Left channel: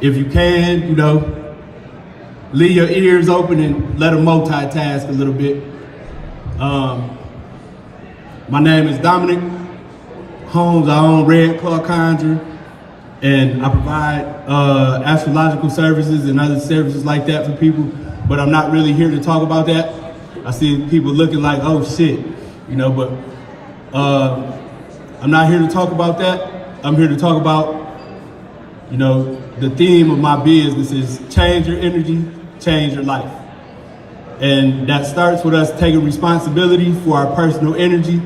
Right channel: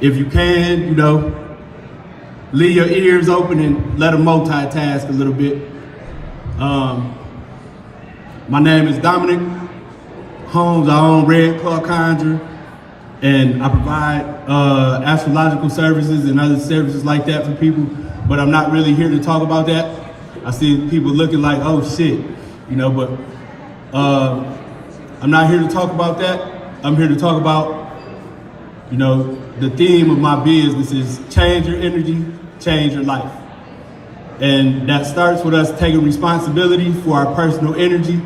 if you can, you know, leave your ears open and let them multitask a little bit. My name is Dominic Holmes. I own Red Claw Conjure, and I provide astrological services and other services like that for people, but I'm not really here to talk about that. I see people looking like, oh shit, you know, but I'm not here to talk about that. I'm here to talk about, you know, the theme of my business is change your energy, change your life. And that starts with us taking responsibility for our personal energy.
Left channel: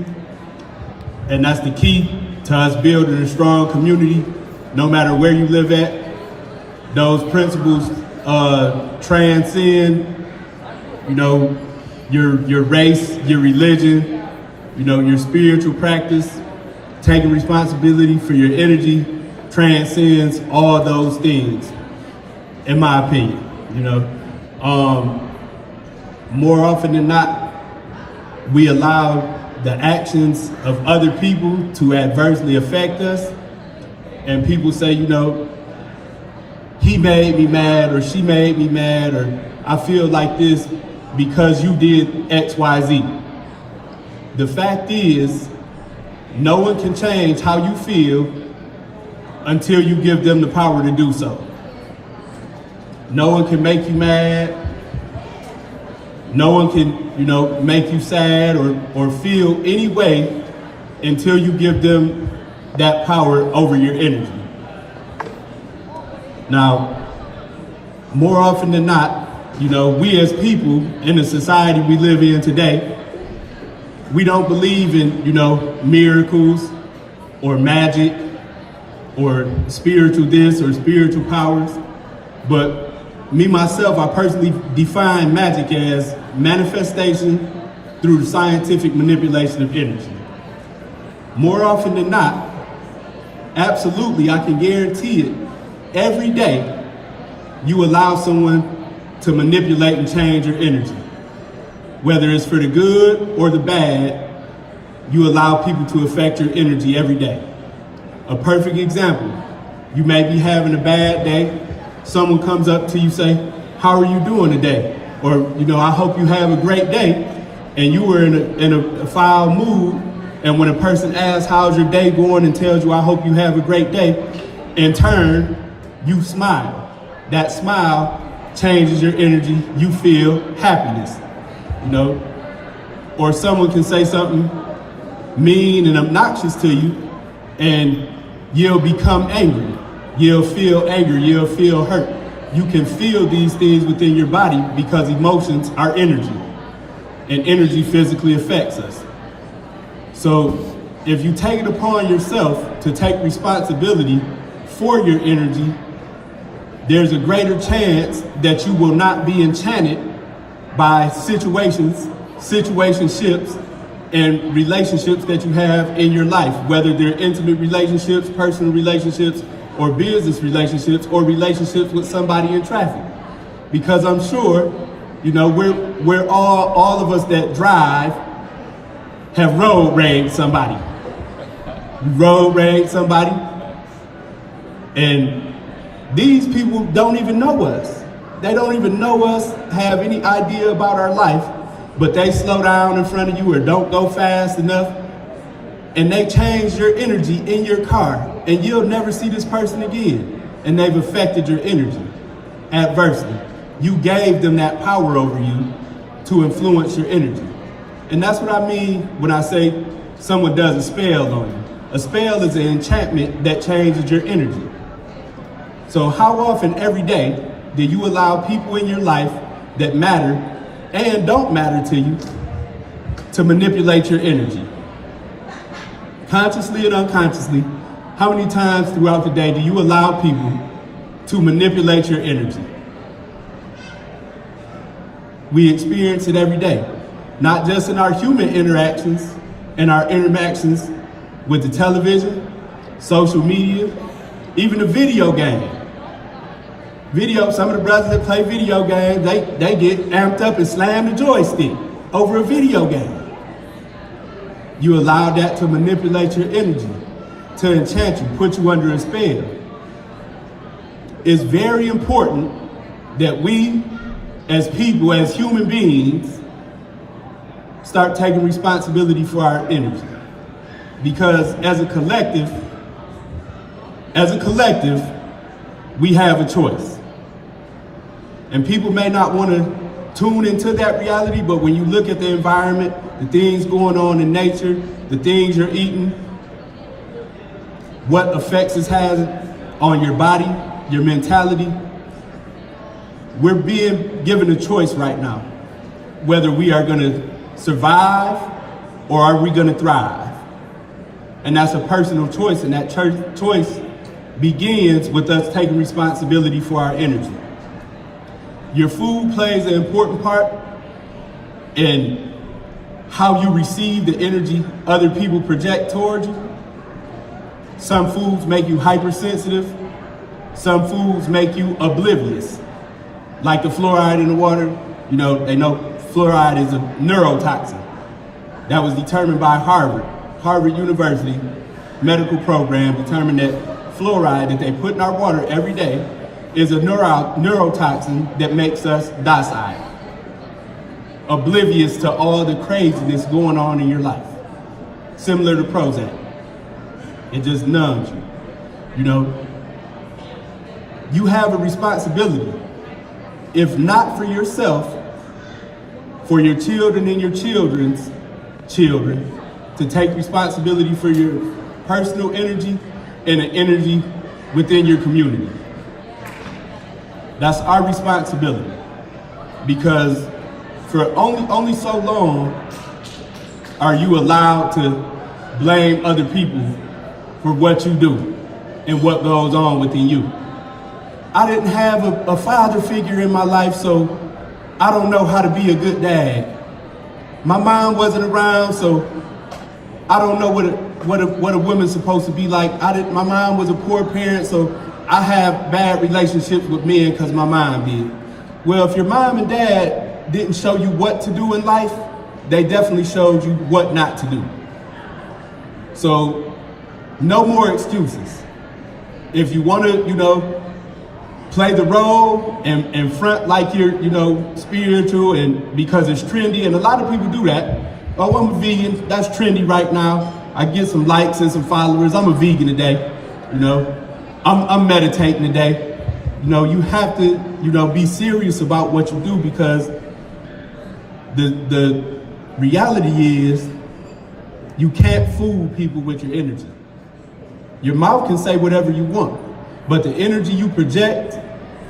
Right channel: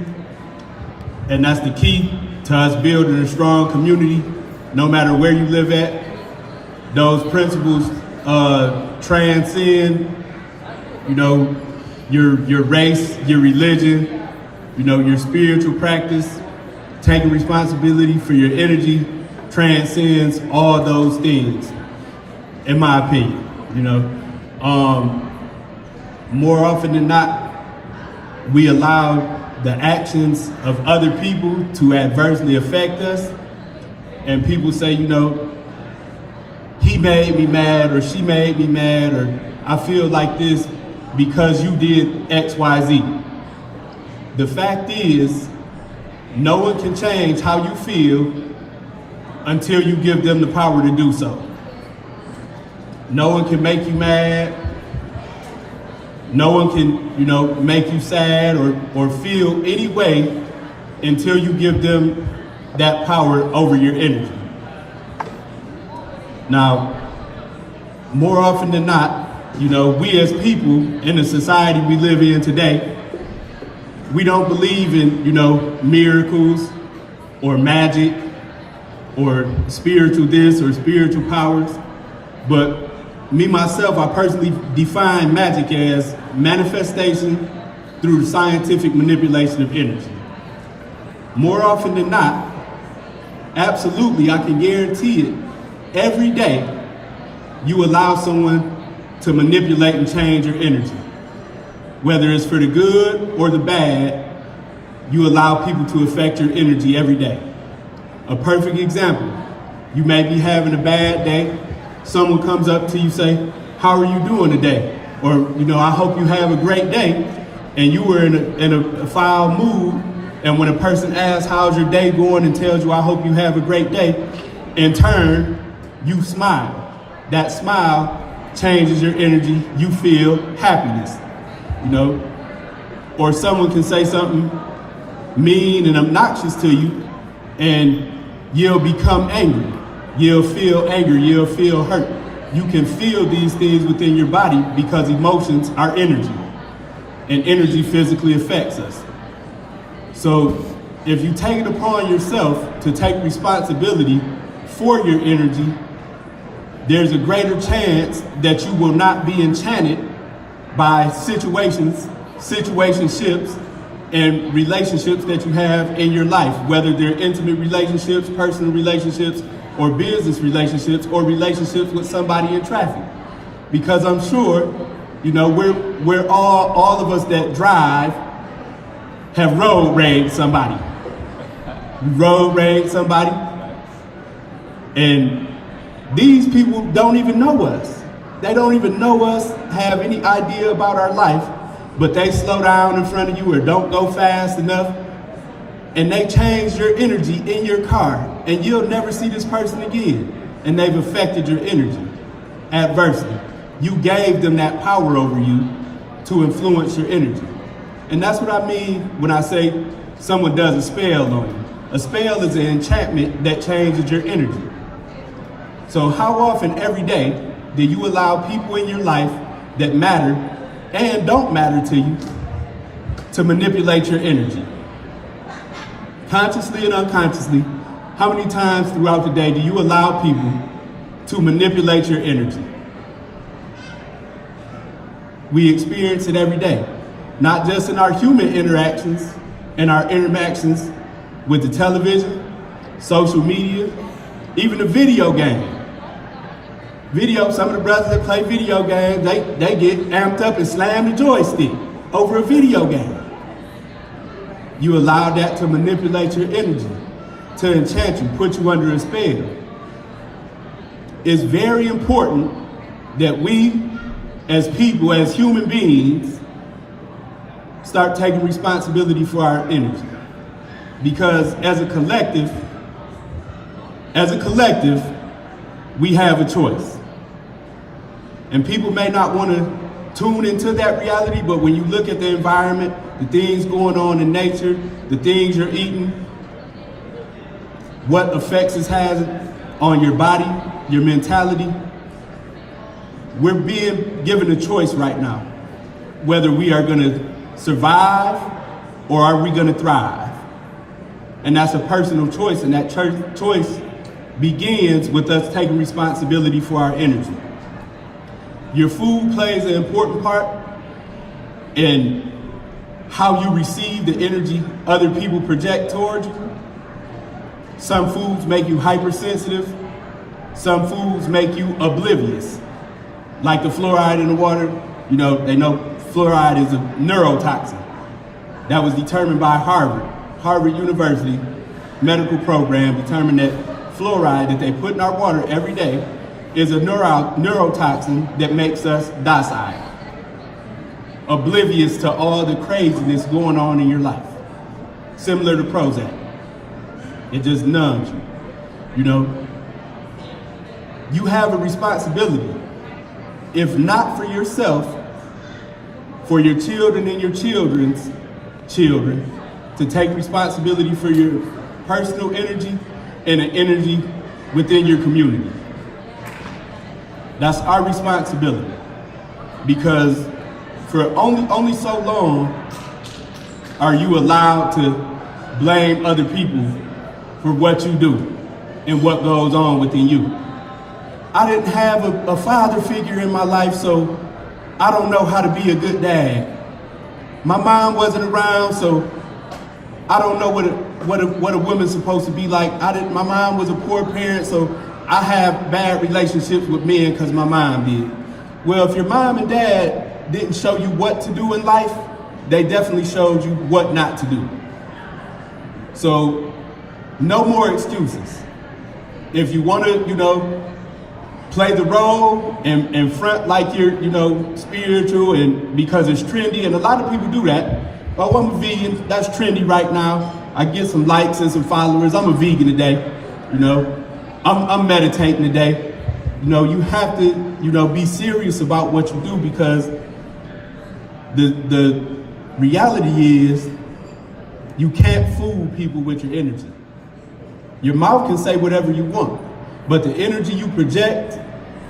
And that's the key to us building a strong community, no matter where you live at. Those principles transcend, you know, your race, your religion, you know, your spiritual practice. Taking responsibility for your energy transcends all those things, in my opinion, you know. More often than not, we allow the actions of other people to adversely affect us. And people say, you know, he made me mad, or she made me mad, or I feel like this because you did X, Y, Z. The fact is, no one can change how you feel until you give them the power to do so. No one can make you mad. No one can, you know, make you sad or feel any way until you give them that power over your energy. Now, more often than not, you know, we as people in the society we live in today, we don't believe in, you know, miracles or magic or spiritual this or spiritual powers. But me, myself, I personally define magic as manifestation through the scientific manipulation of energy. More often than not, absolutely, I can guarantee it, every day you allow someone to manipulate and change your energy. Whether it's for the good or the bad, you allow people to affect your energy every day. A perfect example, you may be having a bad day, someone comes up to you, say, how are you doing today? Or, you know, I hope you have a great day. And you were in a foul mood, and when a person asks, how's your day going, and tells you, I hope you have a great day, in turn, you smile. That smile changes your energy, you feel happiness, you know? Or someone can say something mean and obnoxious to you, and you'll become angry. You'll feel anger, you'll feel hurt. You can feel these things within your body because emotions are energy, and energy physically affects us. So if you take it upon yourself to take responsibility for your energy, there's a greater chance that you will not be enchanted by situationships, and relationships that you have in your life, whether they're intimate relationships, personal relationships, or business relationships, or relationships with somebody in traffic. Because I'm sure, you know, we're all of us that drive have road rage somebody. You road rage somebody, and these people don't even know us. They don't even know us, have any idea about our life, but they slow down in front of you or don't go fast enough, and they change your energy in your car, and you'll never see this person again. And they've affected your energy adversely. You gave them that power over you to influence your energy. And that's what I mean when I say someone does a spell on you. A spell is an enchantment that changes your energy. So how often every day do you allow people in your life that matter and don't matter to you to manipulate your energy? Consciously and unconsciously, how many times throughout the day do you allow people to manipulate your energy? We experience it every day, not just in our human interactions and our interactions with the television, social media, even a video game. Some of the brothers that play video games, they get amped up and slam the joystick over a video game. You allow that to manipulate your energy, to enchant you, put you under a spell. it's very important that we, as people, as human beings, start taking responsibility for our energy. Because as a collective, we have a choice. And people may not want to tune into that reality, but when you look at the environment, the things going on in nature, the things you're eating, what effects it has on your body, your mentality, we're being given a choice right now, whether we are going to survive or are we going to thrive. And that's a personal choice, and that choice begins with us taking responsibility for our energy. Your food plays an important part in how you receive the energy other people project towards you. Some foods make you hypersensitive. Some foods make you oblivious. Like the fluoride in the water, they know fluoride is a neurotoxin. That was determined by Harvard University medical program determined that fluoride that they put in our water every day is a neurotoxin that makes us docile, oblivious to all the craziness going on in your life. Similar to Prozac. It just numbs you. You have a responsibility, if not for yourself, for your children and your children's children, to take responsibility for your personal energy and the energy within your community. That's our responsibility, because for only so long are you allowed to blame other people for what you do and what goes on within you. I didn't have a father figure in my life, so I don't know how to be a good dad. My mom wasn't around, so I don't know what a woman's supposed to be like. My mom was a poor parent, so I have bad relationships with men because my mom did. Well, if your mom and dad didn't show you what to do in life, they definitely showed you what not to do. So, no more excuses. If you want to, play the role and front like you're, spiritual and because it's trendy, and a lot of people do that. Oh, I'm a vegan, that's trendy right now. I get some likes and some followers. I'm a vegan today, I'm meditating today. You have to, be serious about what you do, because the reality is you can't fool people with your energy. Your mouth can say whatever you want, but the energy you project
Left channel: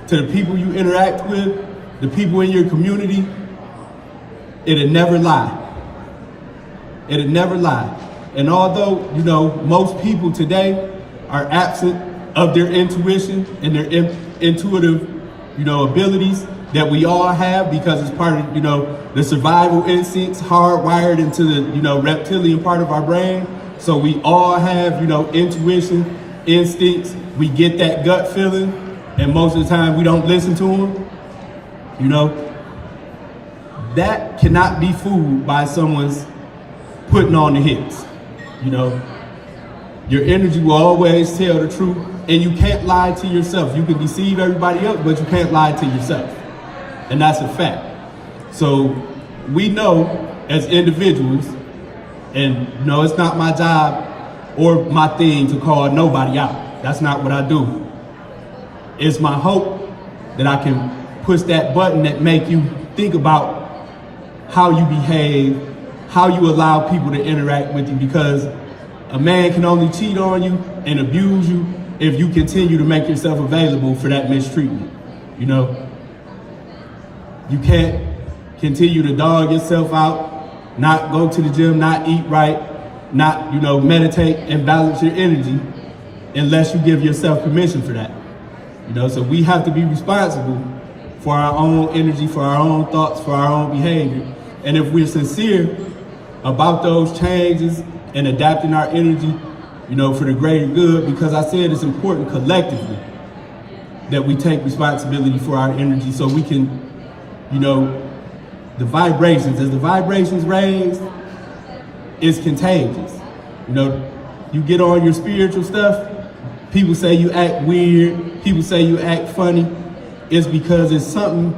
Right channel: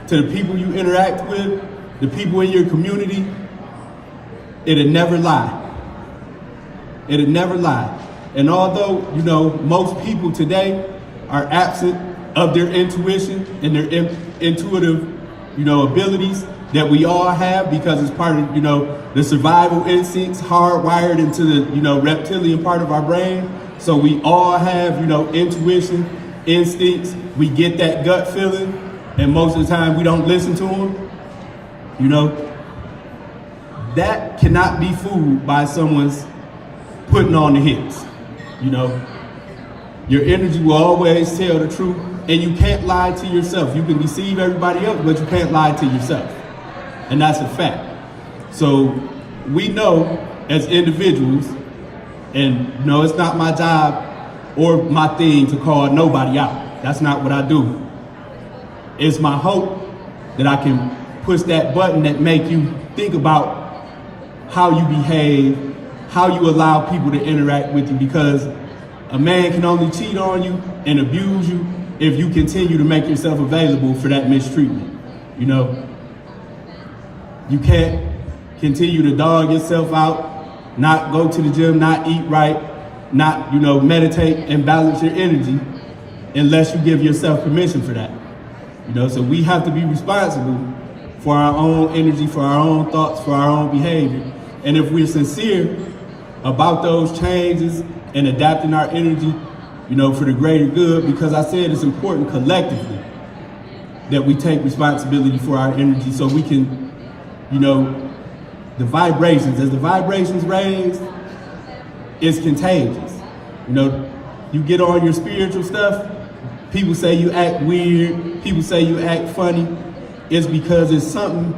to the people you interact with, the people in your community, it'll never lie. It'll never lie. And although, most people today are absent of their intuition and their intuitive, abilities that we all have, because it's part of, the survival instincts hardwired into the, reptilian part of our brain. So we all have, intuition, instincts. We get that gut feeling, and most of the time we don't listen to them. That cannot be fooled by someone's putting on the hits. Your energy will always tell the truth, and you can't lie to yourself. You can deceive everybody else, but you can't lie to yourself. And that's a fact. So we know as individuals, and it's not my job or my thing to call nobody out. That's not what I do. It's my hope that I can push that button that make you think about how you behave, how you allow people to interact with you, because a man can only cheat on you and abuse you if you continue to make yourself available for that mistreatment. You can't continue to dog yourself out, not go to the gym, not eat right, not, meditate and balance your energy unless you give yourself permission for that. So we have to be responsible for our own energy, for our own thoughts, for our own behavior. And if we're sincere about those changes and adapting our energy, for the greater good, because I said it's important collectively that we take responsibility for our energy so we can, the vibrations, as the vibrations raise, it's contagious. You get on your spiritual stuff, people say you act weird, people say you act funny, it's because it's something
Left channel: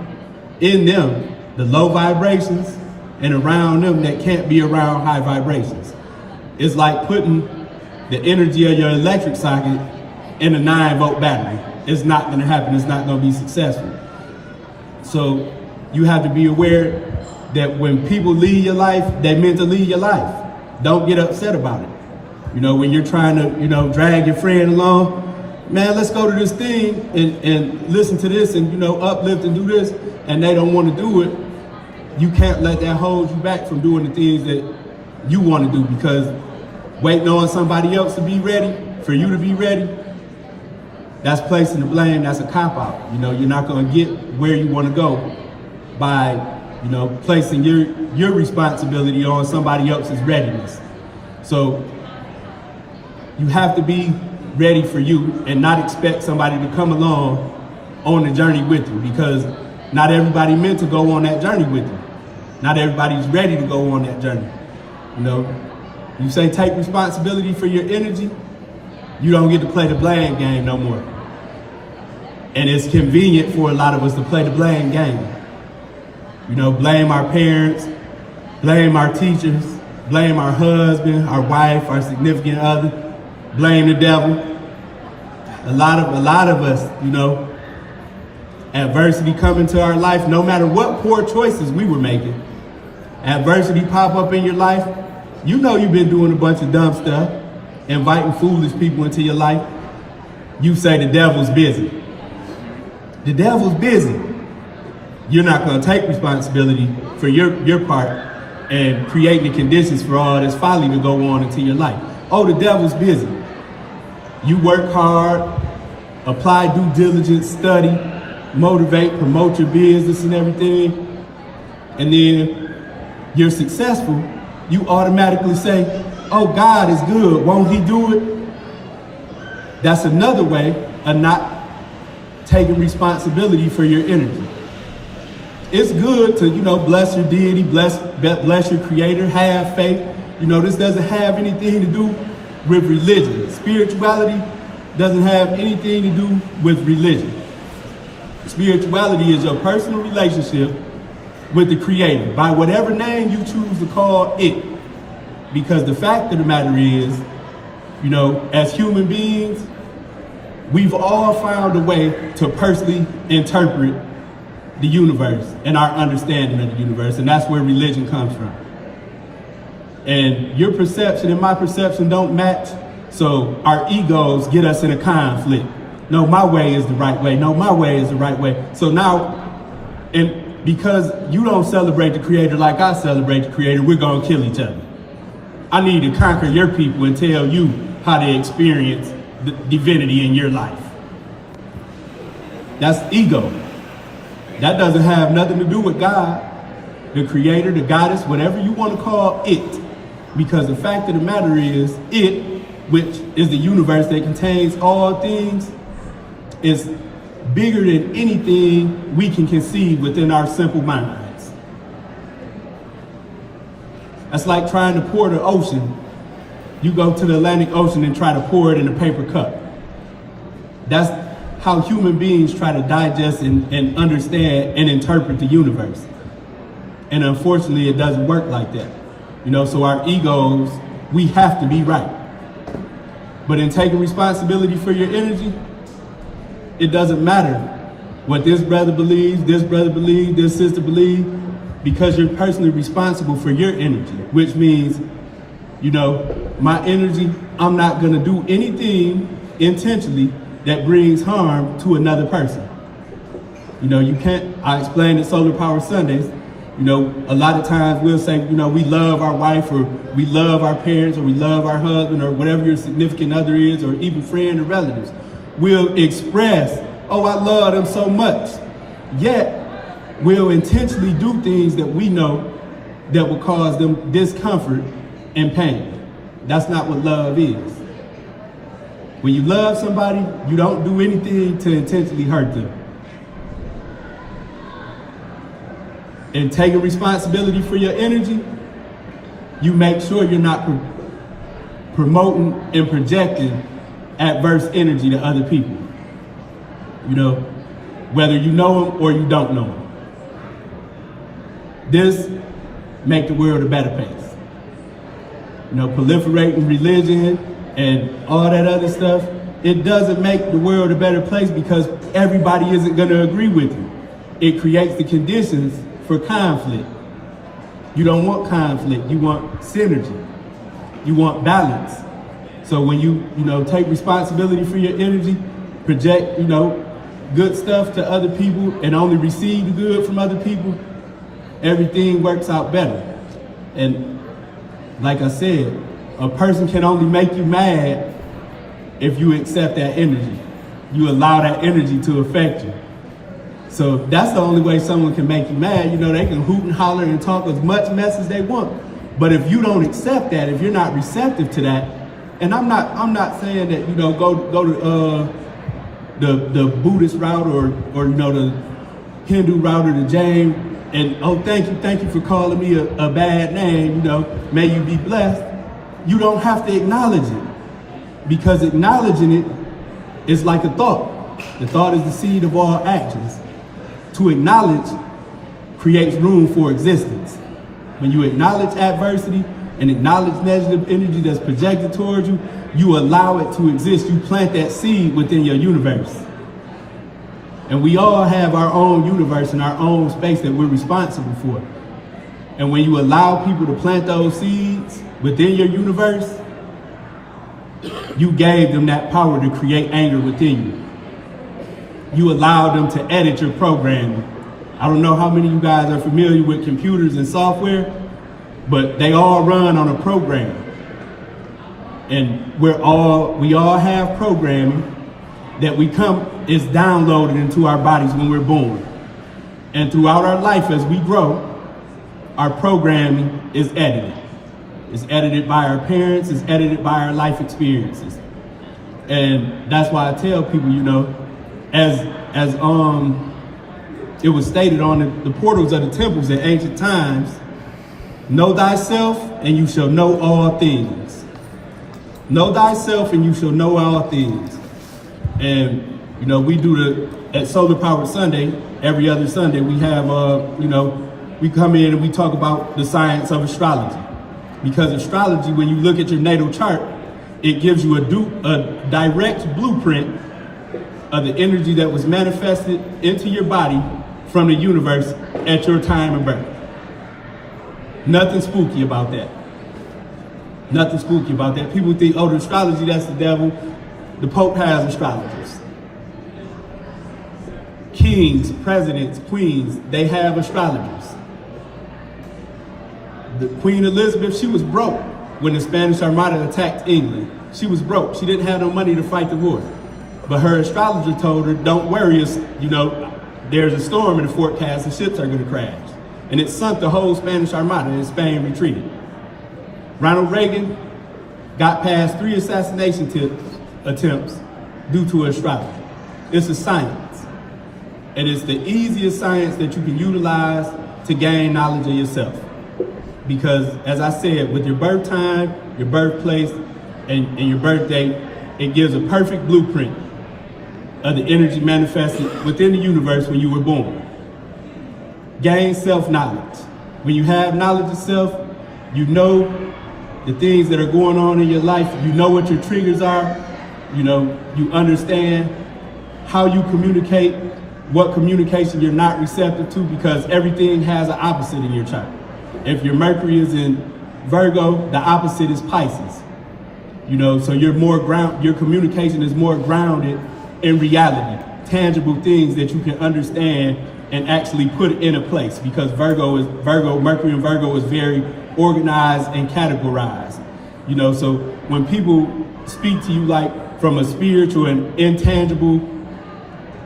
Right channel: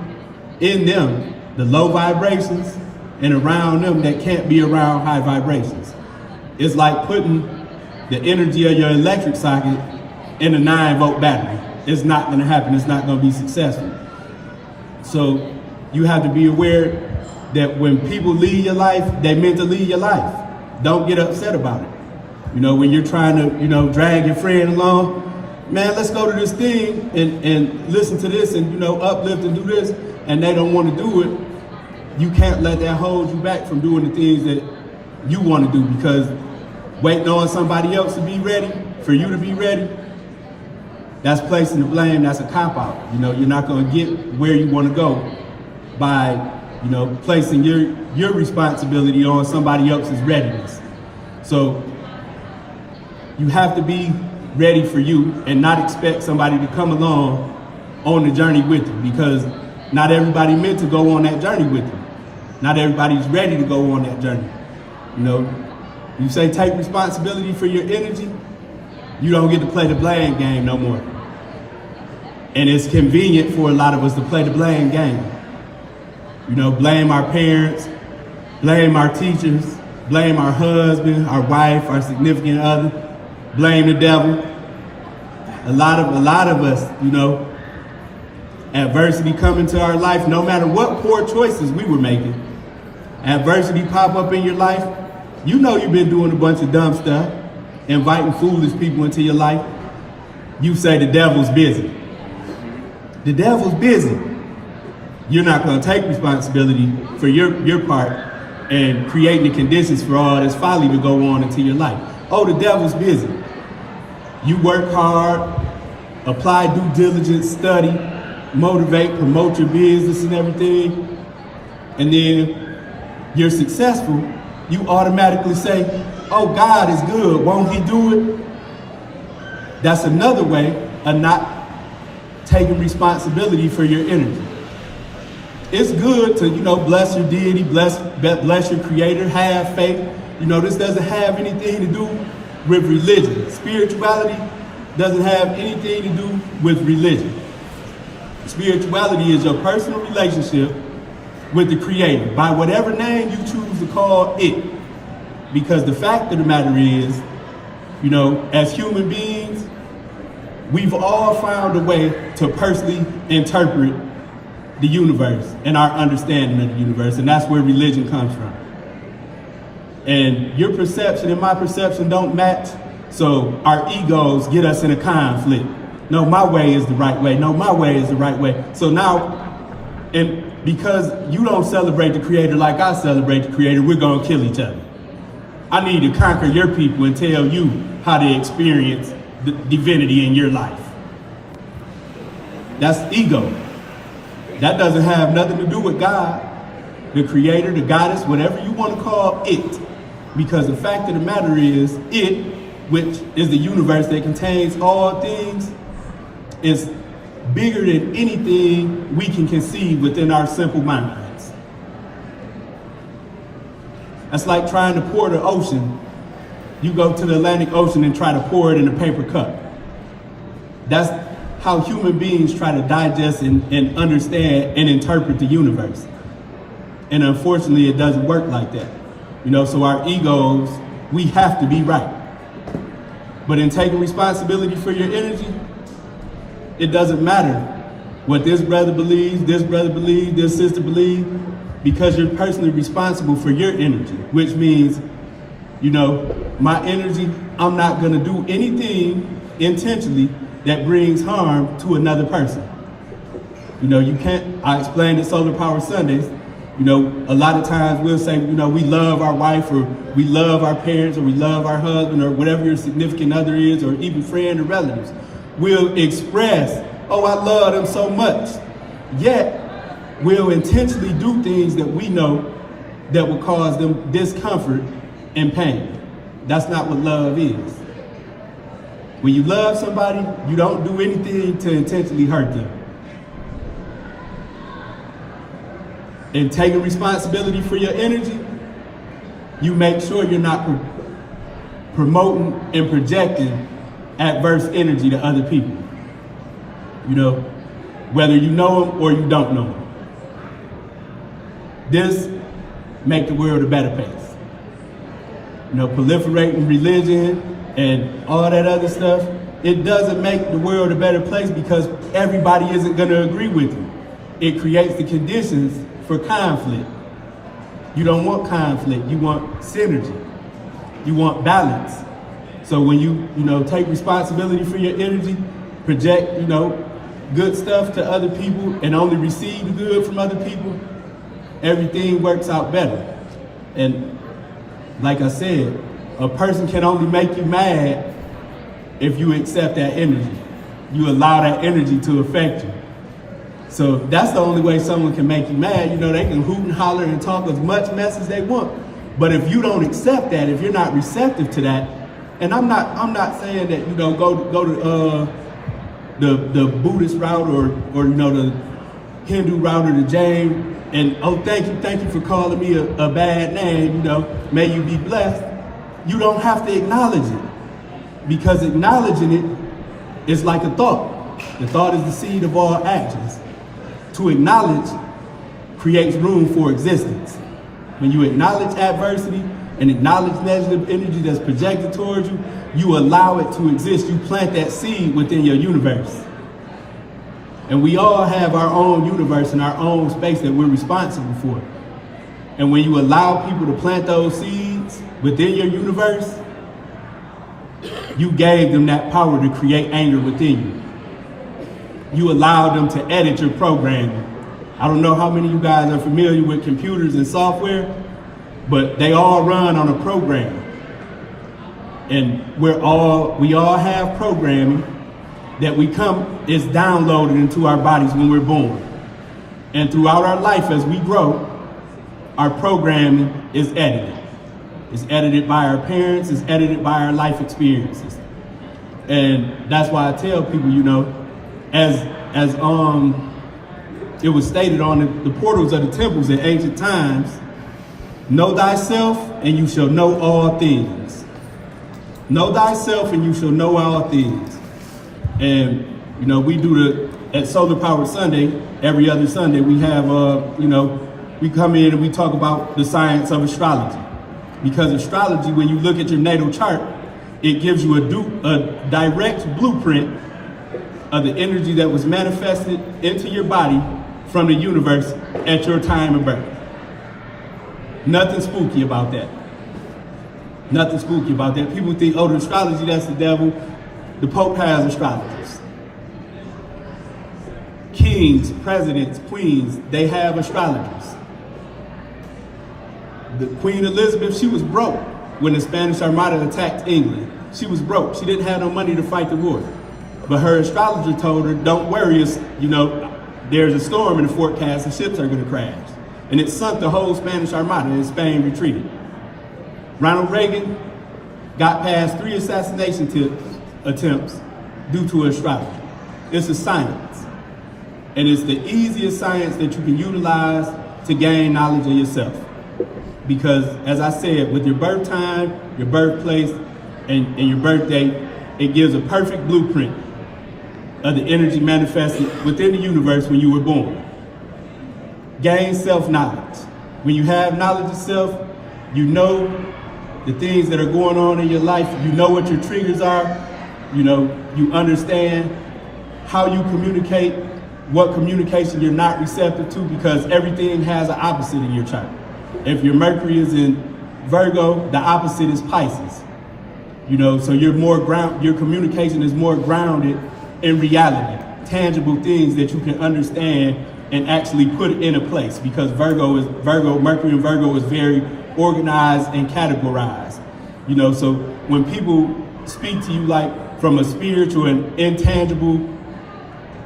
in them, the low vibrations, and around them that can't be around high vibrations. It's like putting the energy of your electric socket in a 9-volt battery. It's not gonna happen, it's not gonna be successful. So you have to be aware that when people leave your life, they meant to leave your life. Don't get upset about it. You know, when you're trying to, drag your friend along, man, let's go to this thing and listen to this and, uplift and do this, and they don't want to do it, you can't let that hold you back from doing the things that you want to do, because waiting on somebody else to be ready, for you to be ready, that's placing the blame, that's a cop-out. You're not going to get where you want to go by, placing your responsibility on somebody else's readiness. So you have to be ready for you and not expect somebody to come along on the journey with you, because not everybody meant to go on that journey with you. Not everybody's ready to go on that journey. You say take responsibility for your energy, you don't get to play the blame game no more. And it's convenient for a lot of us to play the blame game. Blame our parents, blame our teachers, blame our husband, our wife, our significant other, blame the devil. A lot of us, adversity come into our life, no matter what poor choices we were making. Adversity pop up in your life, you've been doing a bunch of dumb stuff, inviting foolish people into your life. You say the devil's busy. The devil's busy. You're not going to take responsibility for your part and creating the conditions for all this folly to go on into your life. Oh, the devil's busy. You work hard, apply due diligence, study, motivate, promote your business and everything, and then you're successful, you automatically say, oh, God is good, won't he do it? That's another way of not taking responsibility for your energy. It's good to, bless your deity, bless your creator, have faith. This doesn't have anything to do with religion. Spirituality doesn't have anything to do with religion. Spirituality is your personal relationship with the creator, by whatever name you choose to call it. Because the fact of the matter is, as human beings, we've all found a way to personally interpret the universe and our understanding of the universe, and that's where religion comes from. And your perception and my perception don't match, so our egos get us in a conflict. No, my way is the right way. No, my way is the right way. So now, and because you don't celebrate the creator like I celebrate the creator, we're gonna kill each other. I need to conquer your people and tell you how to experience the divinity in your life. That's ego. That doesn't have nothing to do with God, the creator, the goddess, whatever you want to call it. Because the fact of the matter is, it, which is the universe that contains all things, is bigger than anything we can conceive within our simple minds. That's like trying to pour the ocean. You go to the Atlantic Ocean and try to pour it in a paper cup. That's how human beings try to digest and understand and interpret the universe. And unfortunately, it doesn't work like that. So our egos, we have to be right. But in taking responsibility for your energy, it doesn't matter what this brother believes, this sister believes, because you're personally responsible for your energy, which means, my energy, I'm not gonna do anything intentionally that brings harm to another person. You can't, I explained at Solar Power Sundays, a lot of times we'll say, we love our wife, or we love our parents, or we love our husband, or whatever your significant other is, or even friend or relatives. We'll express, oh, I love them so much. Yet, we'll intentionally do things that we know that will cause them discomfort and pain. That's not what love is. When you love somebody, you don't do anything to intentionally hurt them. And taking responsibility for your energy, you make sure you're not promoting and projecting adverse energy to other people. whether you know them or you don't know them. This make the world a better place. Proliferating religion and all that other stuff, it doesn't make the world a better place because everybody isn't going to agree with you. It creates the conditions for conflict. You don't want conflict, you want synergy. You want balance. So when you take responsibility for your energy, project, good stuff to other people and only receive the good from other people, everything works out better. And like I said, a person can only make you mad if you accept that energy. You allow that energy to affect you. So that's the only way someone can make you mad. They can hoot and holler and talk as much mess as they want. But if you don't accept that, if you're not receptive to that, and I'm not saying that, go to the Buddhist route or the Hindu route or the Jain, and thank you for calling me a bad name, may you be blessed. You don't have to acknowledge it, because acknowledging it is like a thought. The thought is the seed of all actions. To acknowledge creates room for existence. When you acknowledge adversity and acknowledge negative energy that's projected towards you, you allow it to exist. You plant that seed within your universe. And we all have our own universe and our own space that we're responsible for. And when you allow people to plant those seeds within your universe, you gave them that power to create anger within you. You allow them to edit your programming. I don't know how many of you guys are familiar with computers and software, but they all run on a program. And we all have programming that is downloaded into our bodies when we're born. And throughout our life as we grow, our programming is edited. It's edited by our parents, it's edited by our life experiences. And that's why I tell people, as it was stated on the portals of the temples in ancient times, know thyself and you shall know all things. Know thyself and you shall know all things. And, we do at Solar Powered Sunday, every other Sunday, we have, we come in and we talk about the science of astrology. Because astrology, when you look at your natal chart, it gives you a direct blueprint of the energy that was manifested into your body from the universe at your time of birth. Nothing spooky about that. Nothing spooky about that. People think, the astrology, that's the devil. The Pope has astrologers. Kings, presidents, queens, they have astrologers. The Queen Elizabeth, she was broke when the Spanish Armada attacked England. She was broke. She didn't have no money to fight the war. But her astrologer told her, don't worry, there's a storm in the forecast and ships are going to crash. And it sunk the whole Spanish Armada and Spain retreated. Ronald Reagan got past 3 assassination attempts due to astrology. It's a science. And it's the easiest science that you can utilize to gain knowledge of yourself. Because, as I said, with your birth time, your birthplace, and your birth date, it gives a perfect blueprint of the energy manifested within the universe when you were born. Gain self-knowledge. When you have knowledge of self, you know the things that are going on in your life, you know what your triggers are, you understand how you communicate, what communication you're not receptive to, because everything has an opposite in your chart. If your Mercury is in Virgo, the opposite is Pisces. So your communication is more grounded in reality, tangible things that you can understand and actually put into place, because Mercury in Virgo is very organized and categorized. So when people speak to you like from a spiritual and intangible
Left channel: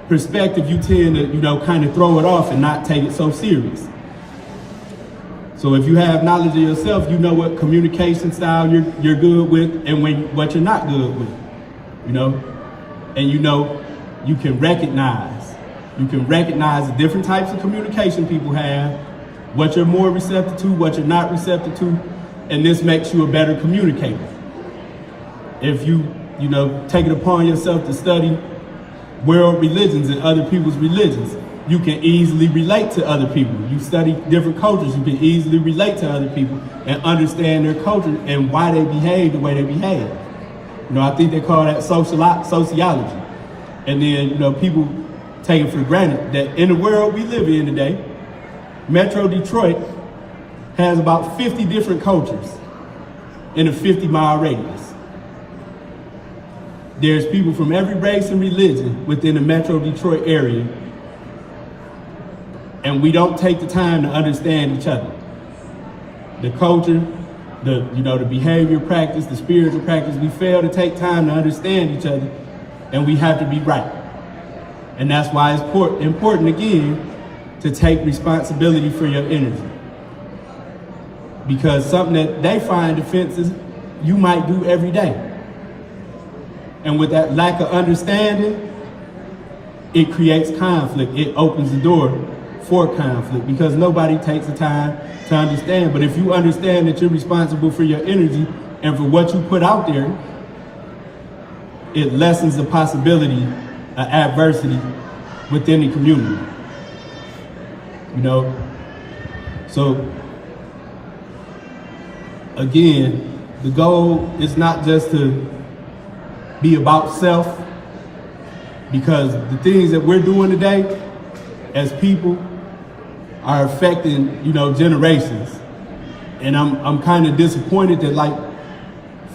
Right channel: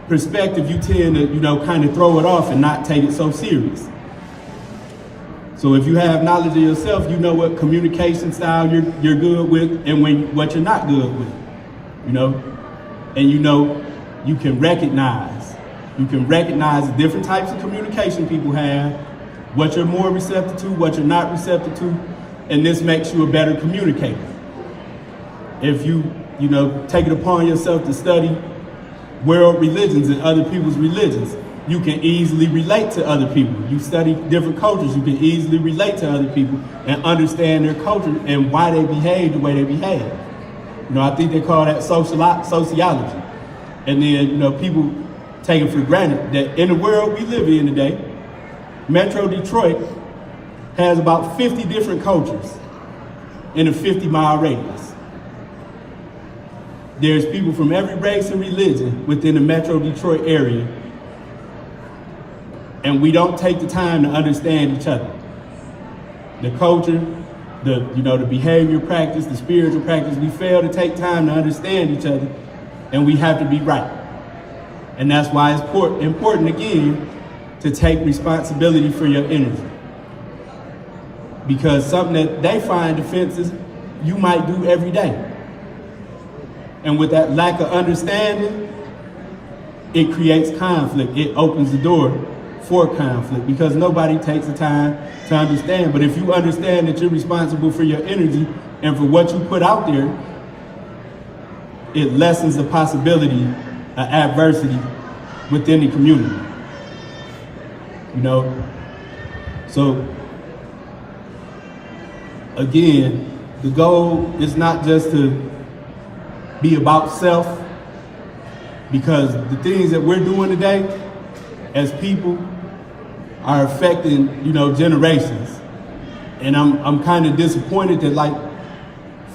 perspective, you tend to, kind of throw it off and not take it so serious. So if you have knowledge of yourself, you know what communication style you're good with and what you're not good with, and you can recognize the different types of communication people have, what you're more receptive to, what you're not receptive to, and this makes you a better communicator. If you take it upon yourself to study world religions and other people's religions. You can easily relate to other people. You study different cultures, you can easily relate to other people and understand their culture and why they behave the way they behave. You know, I think they call that sociology. And then, you know, people take it for granted that in the world we live in today, Metro Detroit has about 50 different cultures in a 50-mile radius. There's people from every race and religion within the Metro Detroit area, and we don't take the time to understand each other. The culture, the behavior practice, the spiritual practice, we fail to take time to understand each other, and we have to be right. And that's why it's important again to take responsibility for your energy. Because something that they find offensive, you might do every day. And with that lack of understanding, it creates conflict. It opens the door for conflict because nobody takes the time to understand. But if you understand that you're responsible for your energy and for what you put out there, it lessens the possibility of adversity within the community. You know, so again, the goal is not just to be about self, because the things that we're doing today as people are affecting, you know, generations. And I'm kind of disappointed that like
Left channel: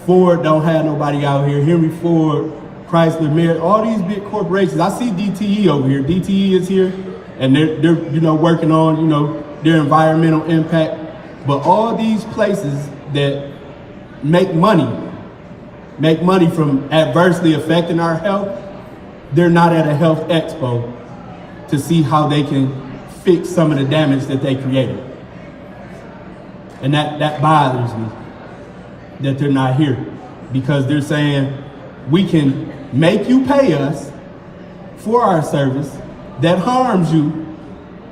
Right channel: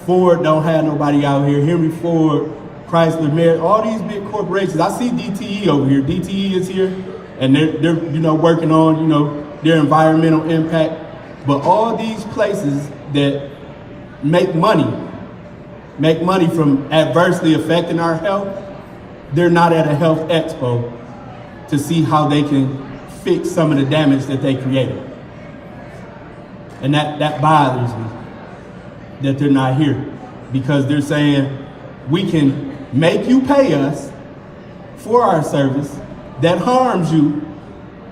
Ford don't have nobody out here, Henry Ford, Chrysler, Merritt, all these big corporations. I see DTE over here. DTE is here, and they're you know, working on, you know, their environmental impact. But all these places that make money from adversely affecting our health, they're not at a health expo to see how they can fix some of the damage that they created. And that bothers me, that they're not here, because they're saying we can make you pay us for our service that harms you,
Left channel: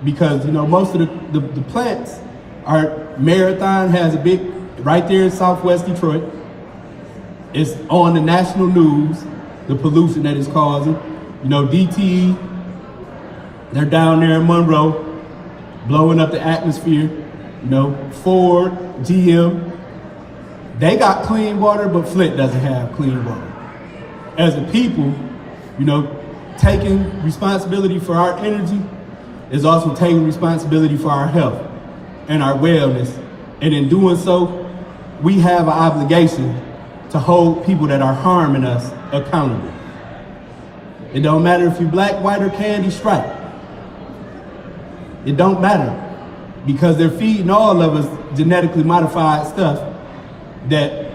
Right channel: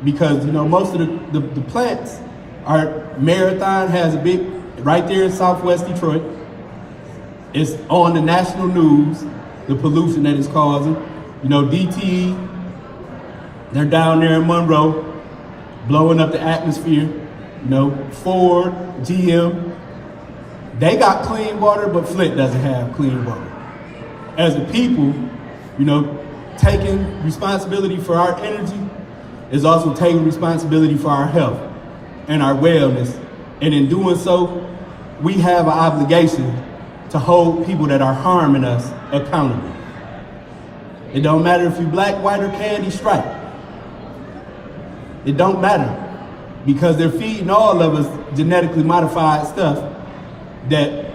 because, you know, most of the plants are, Marathon has a big, right there in Southwest Detroit. It's on the national news, the pollution that it's causing. You know, DTE, they're down there in Monroe, blowing up the atmosphere. You know, Ford, GM, they got clean water, but Flint doesn't have clean water. As a people, you know, taking responsibility for our energy is also taking responsibility for our health and our wellness. And in doing so, we have an obligation to hold people that are harming us accountable. It don't matter if you're black, white, or candy stripe. It don't matter, because they're feeding all of us genetically modified stuff that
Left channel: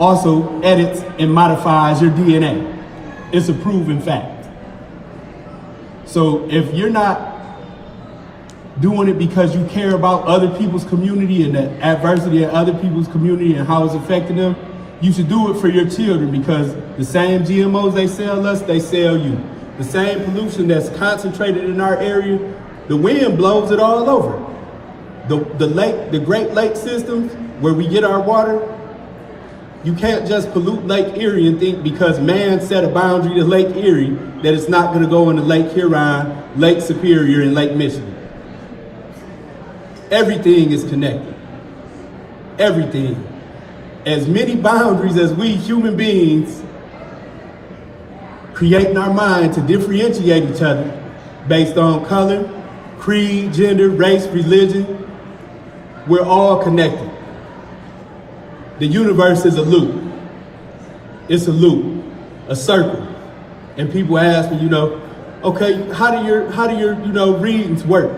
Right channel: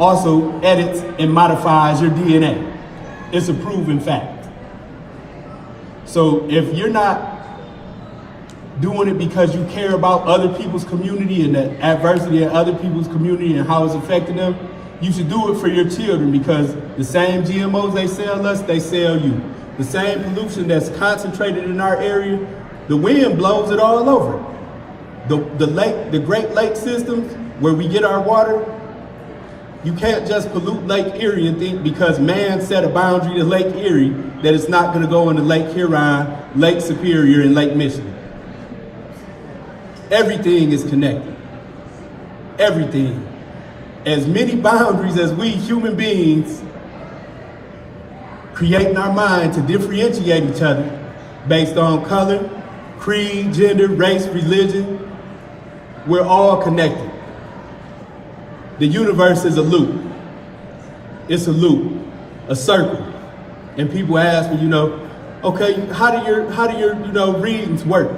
also edits and modifies your DNA. It's a proven fact. So if you're not doing it because you care about other people's community and the adversity in other people's community and how it's affecting them, you should do it for your children, because the same GMOs they sell us, they sell you. The same pollution that's concentrated in our area, the wind blows it all over. The Great Lake systems where we get our water, you can't just pollute Lake Erie and think because man set a boundary to Lake Erie that it's not gonna go into Lake Huron, Lake Superior, and Lake Michigan. Everything is connected. Everything. As many boundaries as we human beings create in our mind to differentiate each other based on color, creed, gender, race, religion, we're all connected. The universe is a loop. It's a loop, a circle. And people ask me, you know, okay, how do your you know, readings work?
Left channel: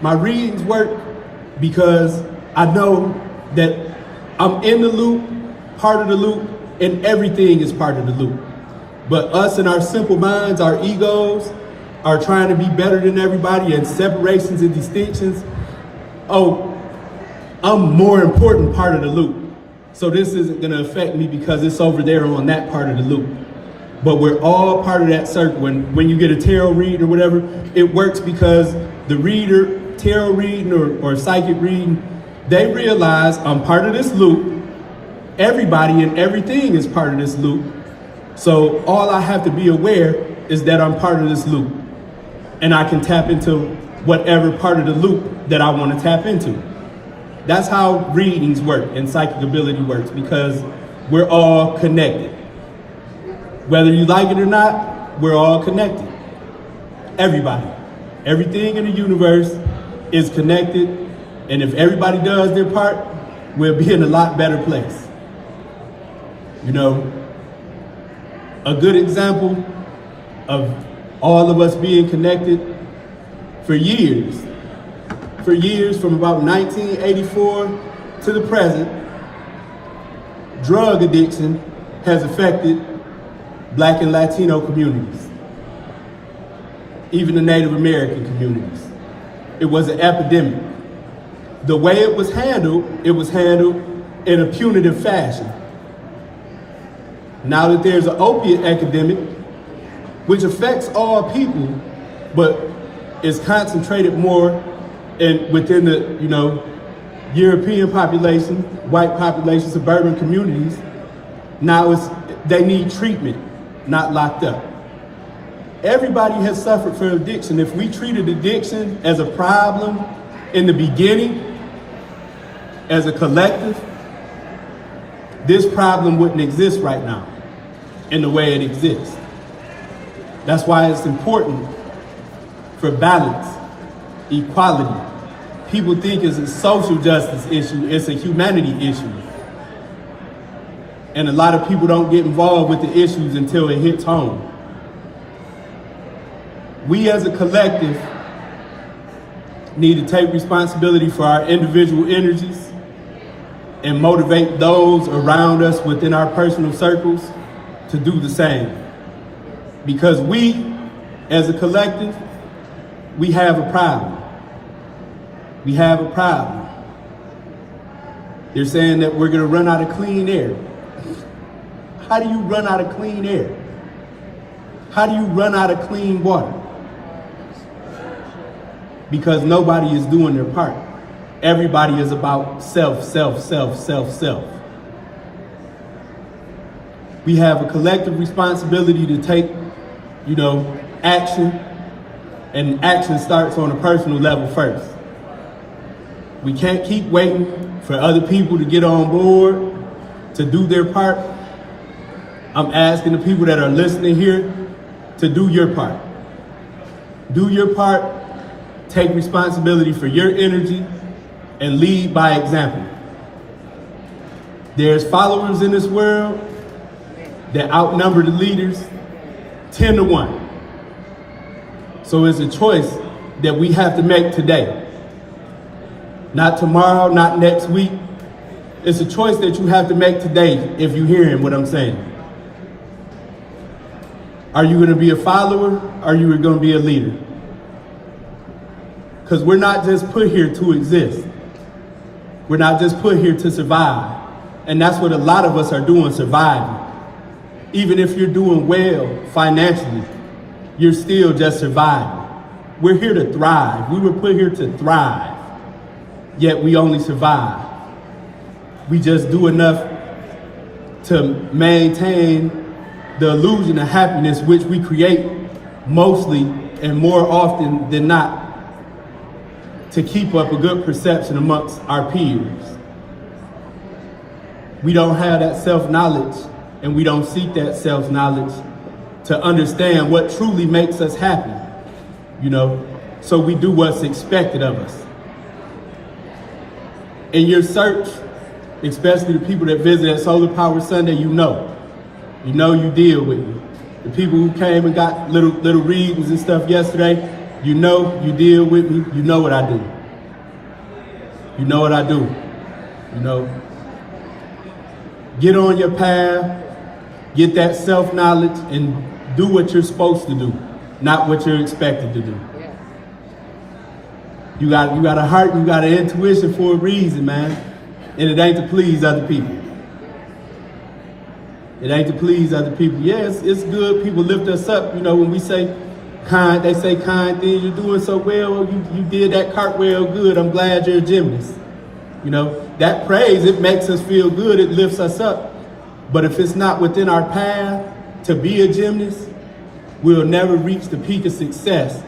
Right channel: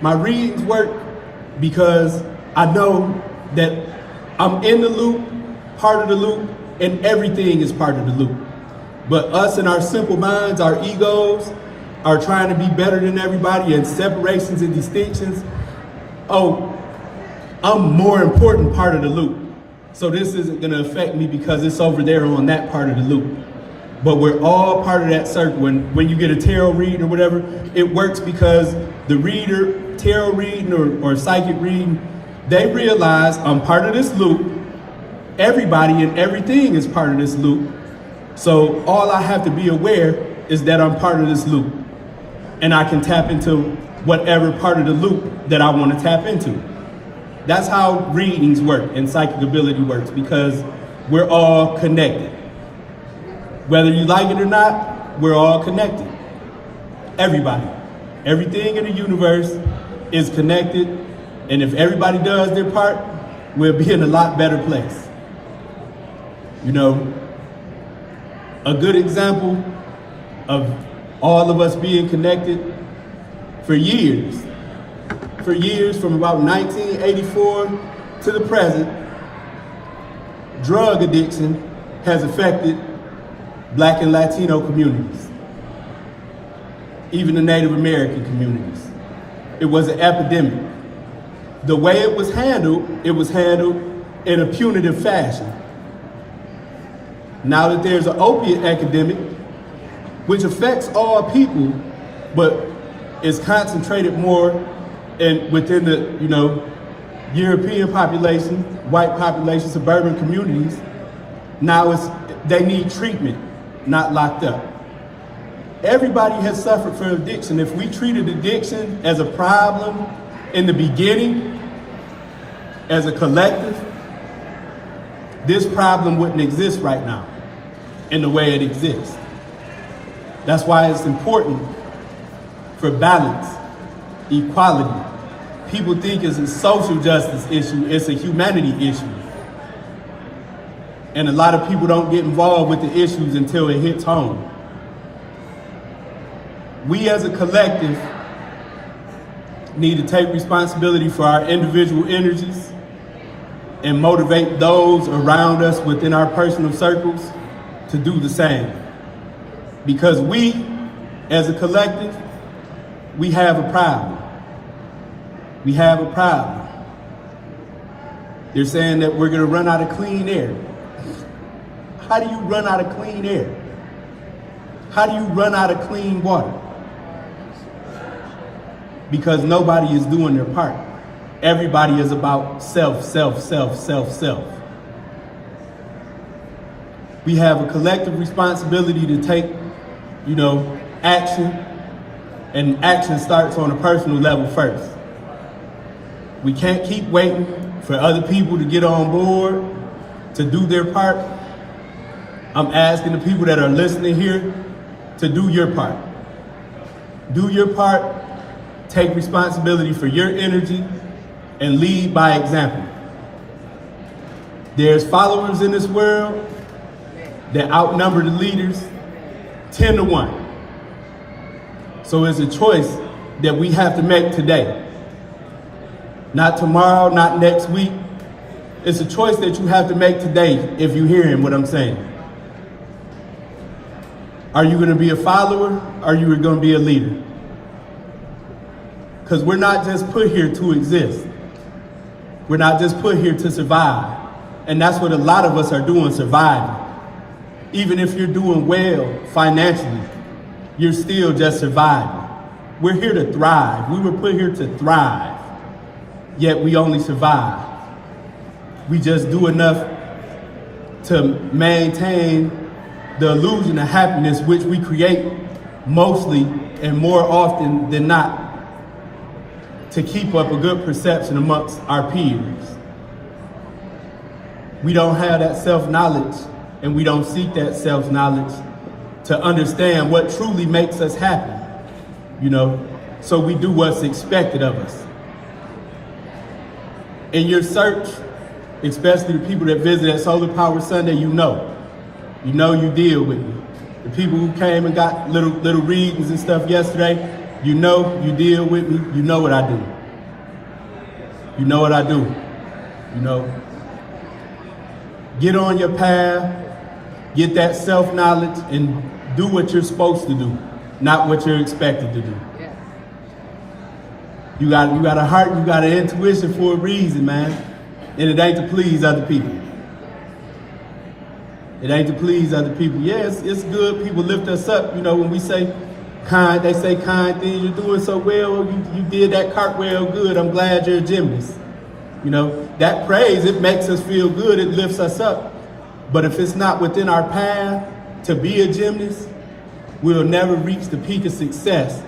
My readings work because I know that I'm in the loop, part of the loop, and everything is part of the loop. But us and our simple minds, our egos, are trying to be better than everybody, and separations and distinctions. Oh, I'm more important part of the loop. So this isn't gonna affect me because it's over there on that part of the loop. But we're all part of that circle. And when you get a tarot reading or whatever, it works because the reader, tarot reading or psychic reading, they realize I'm part of this loop. Everybody and everything is part of this loop. So all I have to be aware is that I'm part of this loop, and I can tap into whatever part of the loop that I want to tap into. That's how readings work and psychic ability works, because we're all connected. Whether you like it or not, we're all connected. Everybody. Everything in the universe is connected, and if everybody does their part, we'll be in a lot better place. You know, a good example of all of us being connected for years from about 1984 to the present, drug addiction has affected Black and Latino communities, even the Native American communities. It was an epidemic. The way it was handled in a punitive fashion. Now that there's an opiate epidemic, which affects all people, but is concentrated more within the, European population, white population, suburban communities. Now they need treatment, not locked up. Everybody has suffered from addiction. If we treated addiction as a problem in the beginning, as a collective, this problem wouldn't exist right now in the way it exists. That's why it's important for balance, equality. People think it's a social justice issue, it's a humanity issue. And a lot of people don't get involved with the issues until it hits home. We as a collective need to take responsibility for our individual energies and motivate those around us within our personal circles to do the same. Because we, as a collective, we have a problem. We have a problem. They're saying that we're gonna run out of clean air. How do you run out of clean air? How do you run out of clean water? Because nobody is doing their part. Everybody is about self, self, self, self, self. We have a collective responsibility to take, action, and action starts on a personal level first. We can't keep waiting for other people to get on board, to do their part. I'm asking the people that are listening here to do your part. Do your part, take responsibility for your energy, and lead by example. There's followers in this world that outnumber the leaders 10 to 1. So it's a choice that we have to make today. Not tomorrow, not next week. It's a choice that you have to make today if you're hearing what I'm saying. Are you gonna be a follower, or are you gonna be a leader? Because we're not just put here to exist. We're not just put here to survive. And that's what a lot of us are doing, surviving. Even if you're doing well financially, you're still just surviving. We're here to thrive. We were put here to thrive, yet we only survive. We just do enough to maintain the illusion of happiness, which we create mostly and more often than not to keep up a good perception amongst our peers. We don't have that self-knowledge, and we don't seek that self-knowledge to understand what truly makes us happy, so we do what's expected of us. In your search, especially the people that visit at Solar Power Sunday, you deal with me. The people who came and got little readings and stuff yesterday, you deal with me, you know what I do. You know what I do. Get on your path, get that self-knowledge, and do what you're supposed to do, not what you're expected to do. You got a heart, you got an intuition for a reason, man. And it ain't to please other people. It ain't to please other people. Yeah, it's good. People lift us up. When we say kind, they say kind things. You're doing so well. You did that cartwheel good. I'm glad you're a gymnast. That praise, it makes us feel good. It lifts us up. But if it's not within our path to be a gymnast, we'll never reach the peak of success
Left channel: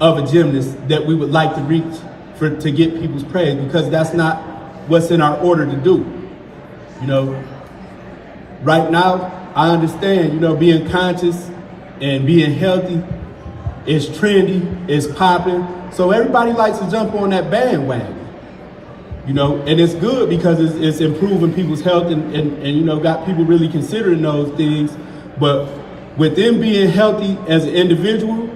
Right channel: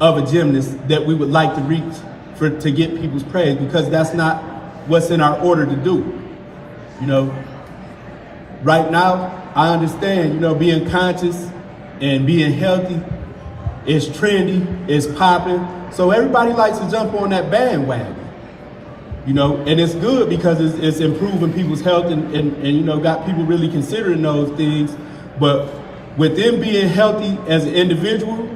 of a gymnast that we would like to reach to get people's praise, because that's not what's in our order to do. You know, right now, I understand, you know, being conscious and being healthy is trendy, is popping. So everybody likes to jump on that bandwagon. You know, and it's good because it's improving people's health and you know, got people really considering those things. But within being healthy as an individual,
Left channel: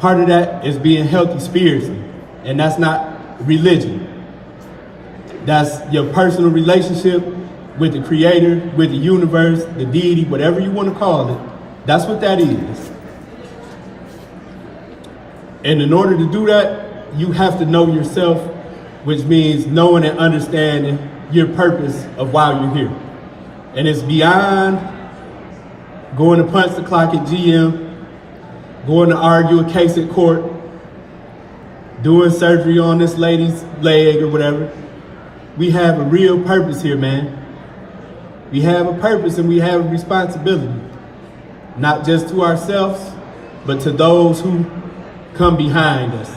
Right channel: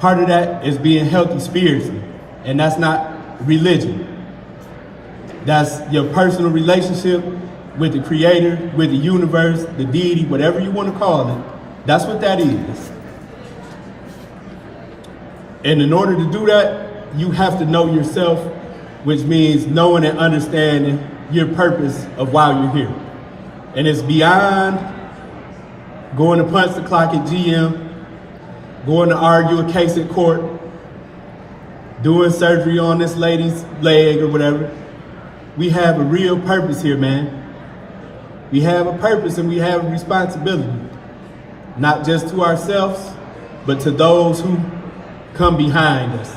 part of that is being healthy spiritually. And that's not religion. That's your personal relationship with the creator, with the universe, the deity, whatever you want to call it. That's what that is. And in order to do that, you have to know yourself, which means knowing and understanding your purpose of why you're here. And it's beyond going to punch the clock at GM, going to argue a case in court, doing surgery on this lady's leg or whatever. We have a real purpose here, man. We have a purpose and we have a responsibility, not just to ourselves, but to those who come behind us,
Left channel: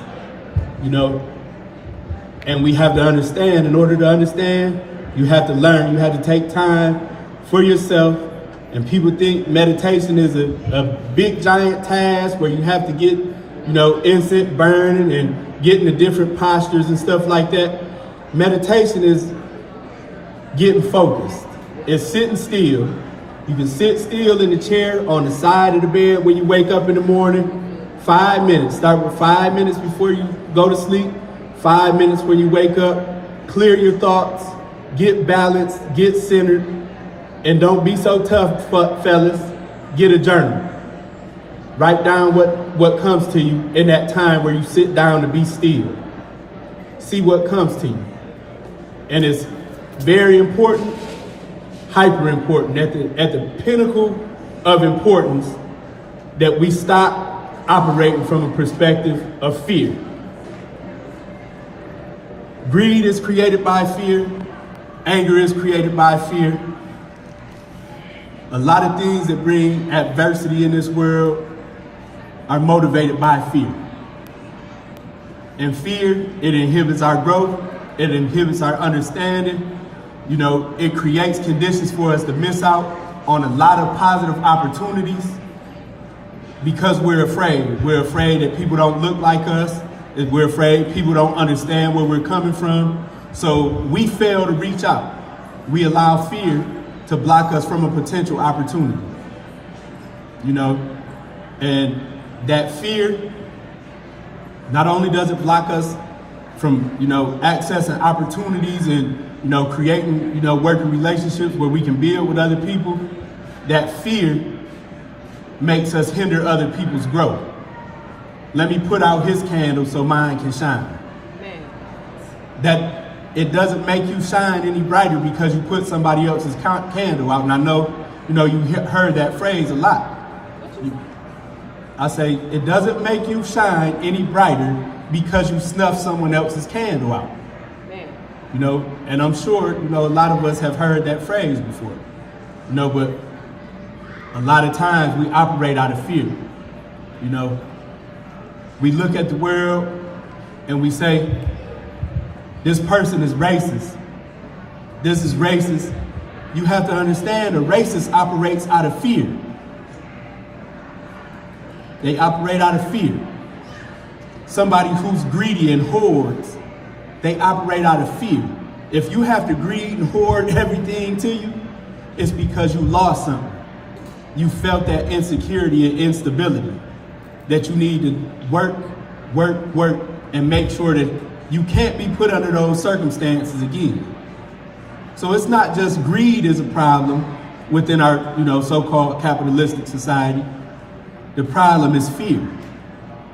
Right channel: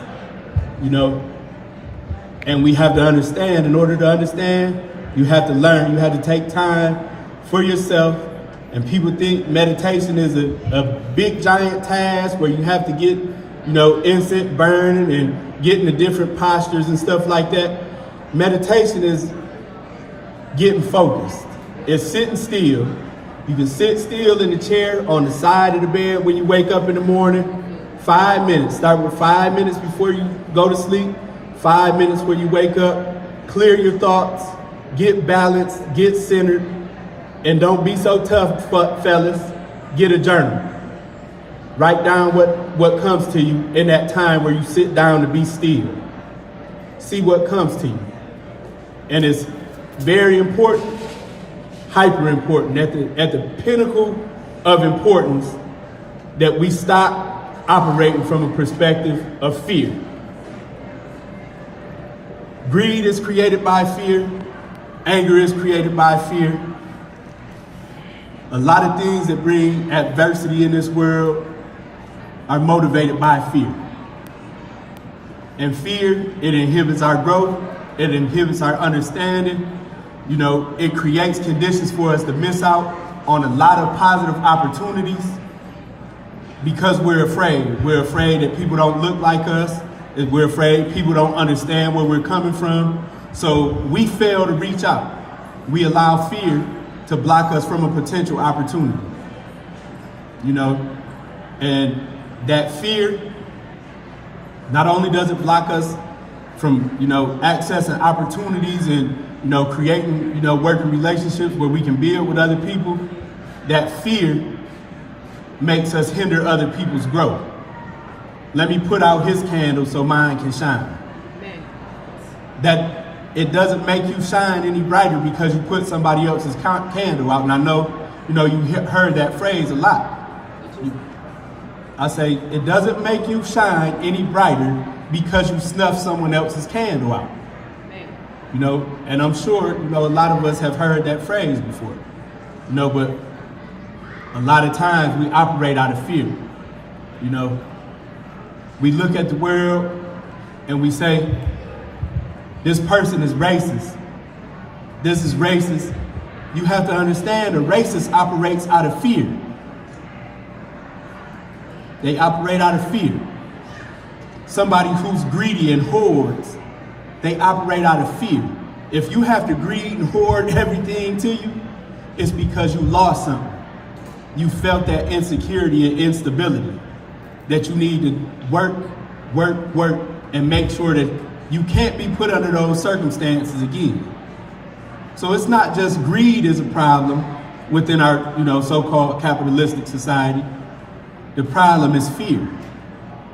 you know. And we have to understand. In order to understand, you have to learn. You have to take time for yourself. And people think meditation is a big giant task where you have to get, you know, incense burning and get into different postures and stuff like that. Meditation is getting focused. It's sitting still. You can sit still in the chair on the side of the bed when you wake up in the morning. 5 minutes. Start with 5 minutes before you go to sleep. 5 minutes when you wake up. Clear your thoughts. Get balanced. Get centered. And don't be so tough, fellas. Get a journal. Write down what comes to you in that time where you sit down to be still. See what comes to you. And it's very important, hyper important, at the pinnacle of importance, that we stop operating from a perspective of fear. Greed is created by fear. Anger is created by fear. A lot of things that bring adversity in this world are motivated by fear. And fear, it inhibits our growth. It inhibits our understanding. You know, it creates conditions for us to miss out on a lot of positive opportunities because we're afraid. We're afraid that people don't look like us. We're afraid people don't understand where we're coming from. So we fail to reach out. We allow fear to block us from a potential opportunity. You know, and that fear, not only does it block us from, you know, accessing opportunities and, you know, creating, you know, working relationships where we can build with other people, that fear makes us hinder other people's growth. Let me put out his candle so mine can shine. That it doesn't make you shine any brighter because you put somebody else's candle out. And I know, you know, you heard that phrase a lot. I say, it doesn't make you shine any brighter because you snuff someone else's candle out. You know, and I'm sure, you know, a lot of us have heard that phrase before. You know, but a lot of times we operate out of fear. You know, we look at the world and we say, this person is racist. This is racist. You have to understand a racist operates out of fear. They operate out of fear. Somebody who's greedy and hoards, they operate out of fear. If you have to greed and hoard everything to you, it's because you lost something. You felt that insecurity and instability, that you need to work, and make sure that you can't be put under those circumstances again. So it's not just greed is a problem within our, you know, so-called capitalistic society. The problem is fear.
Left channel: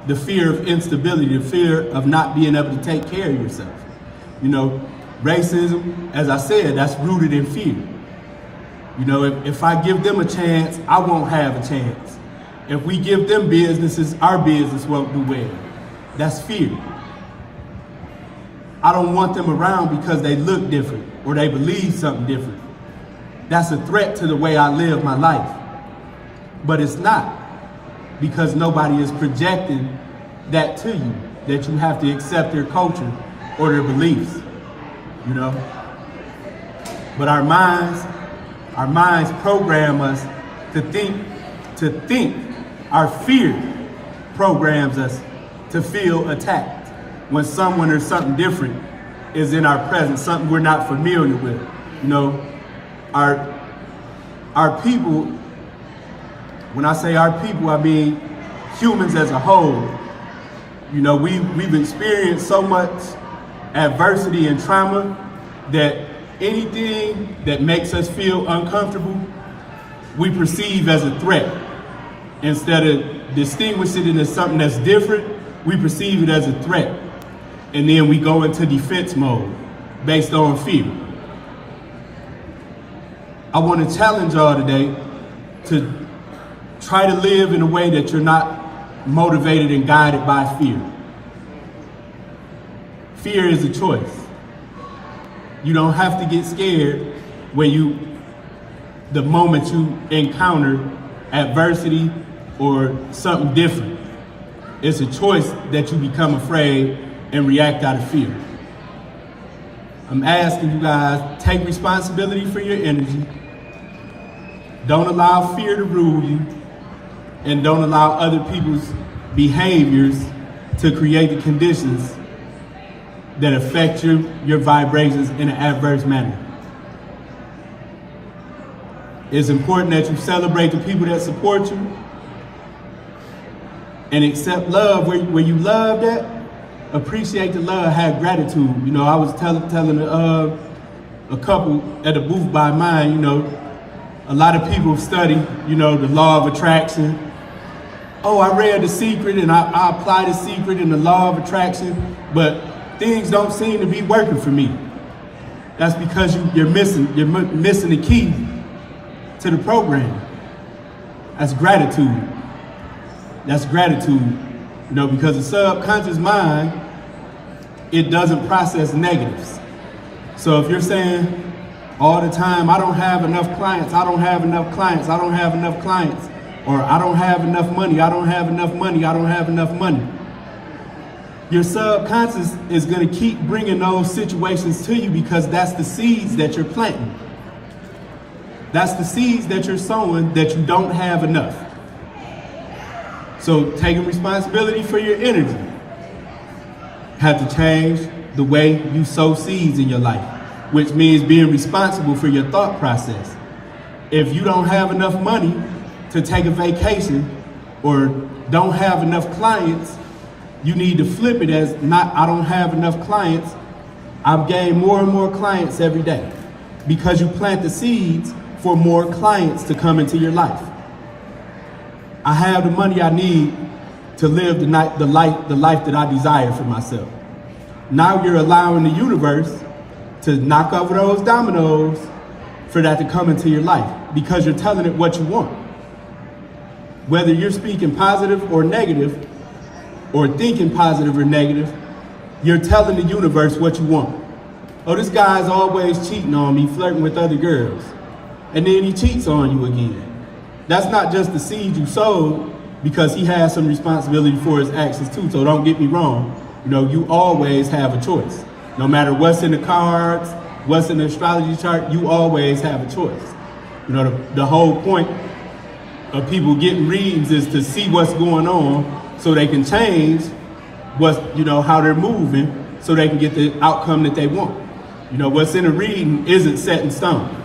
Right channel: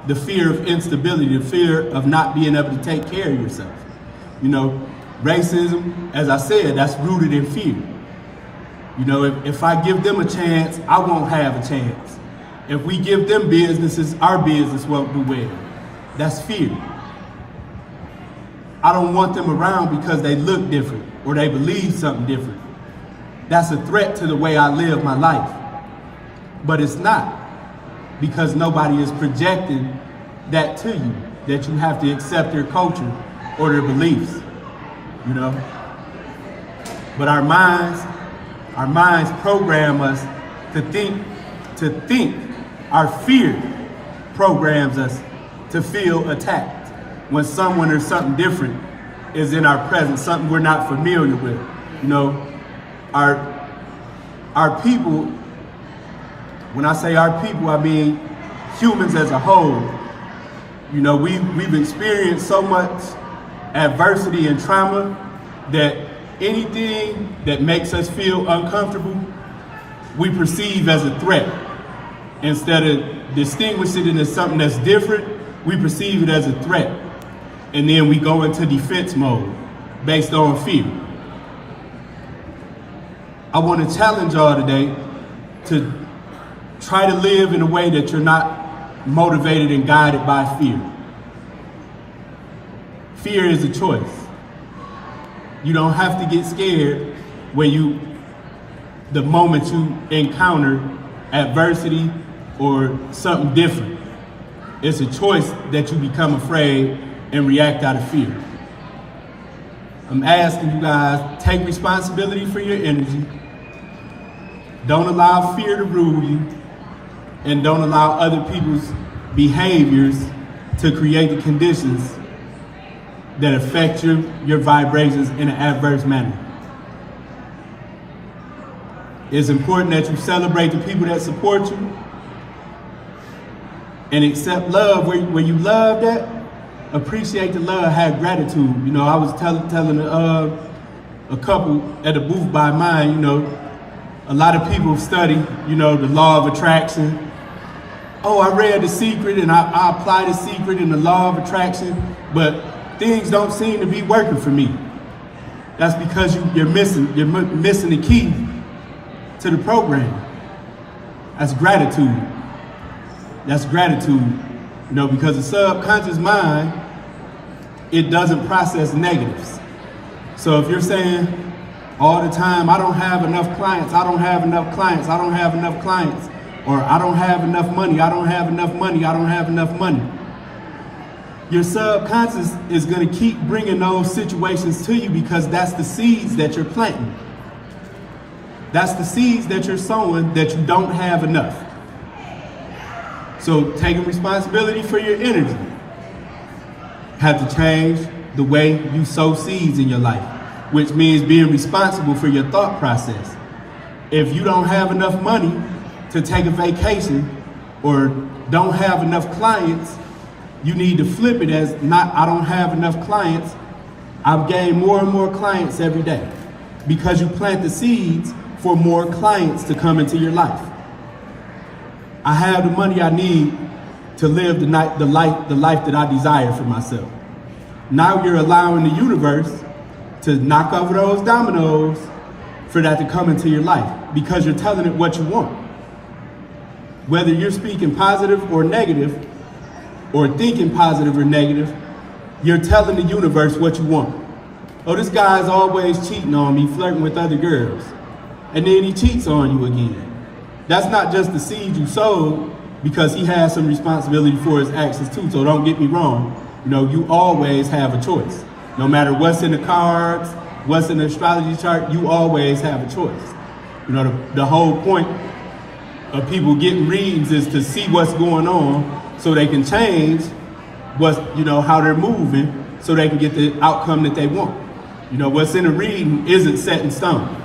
The fear of instability, the fear of not being able to take care of yourself. You know, racism, as I said, that's rooted in fear. You know, if I give them a chance, I won't have a chance. If we give them businesses, our business won't do well. That's fear. I don't want them around because they look different or they believe something different. That's a threat to the way I live my life. but it's not, because nobody is projecting that to you, that you have to accept their culture or their beliefs, you know? But our minds program us to think. Our fear programs us to feel attacked when someone or something different is in our presence, something we're not familiar with. You know, our people, when I say our people, I mean humans as a whole. You know, we've experienced so much adversity and trauma that anything that makes us feel uncomfortable, we perceive as a threat. Instead of distinguishing it as something that's different, we perceive it as a threat. And then we go into defense mode based on fear. I want to challenge y'all today to try to live in a way that you're not motivated and guided by fear. Fear is a choice. You don't have to get scared the moment you encounter adversity or something different. It's a choice that you become afraid and react out of fear. I'm asking you guys, take responsibility for your energy. Don't allow fear to rule you, and don't allow other people's behaviors to create the conditions that affect your vibrations in an adverse manner. It's important that you celebrate the people that support you and accept love where you love that. Appreciate the love, have gratitude. You know, I was telling a couple at a booth by mine, you know, a lot of people study, you know, the law of attraction. Oh, I read The Secret and I apply The Secret and the law of attraction, but things don't seem to be working for me. That's because you're missing the key to the program. That's gratitude. That's gratitude. You know, because the subconscious mind, it doesn't process negatives. So if you're saying all the time, I don't have enough clients, I don't have enough clients, I don't have enough clients, or I don't have enough money, I don't have enough money, I don't have enough money, your subconscious is going to keep bringing those situations to you because that's the seeds that you're planting. That's the seeds that you're sowing that you don't have enough. So taking responsibility for your energy have to change the way you sow seeds in your life, which means being responsible for your thought process. If you don't have enough money to take a vacation or don't have enough clients, you need to flip it as not, I don't have enough clients. I've gained more and more clients every day, because you plant the seeds for more clients to come into your life. I have the money I need to live the life that I desire for myself. Now you're allowing the universe to knock over those dominoes for that to come into your life, because you're telling it what you want. Whether you're speaking positive or negative, or thinking positive or negative, you're telling the universe what you want. Oh, this guy's always cheating on me, flirting with other girls. And then he cheats on you again. That's not just the seed you sowed, because he has some responsibility for his actions too. So don't get me wrong. You know, you always have a choice. No matter what's in the cards, what's in the astrology chart, you always have a choice. You know, the whole point of people getting readings is to see what's going on so they can change how they're moving, so they can get the outcome that they want. You know, what's in a reading isn't set in stone.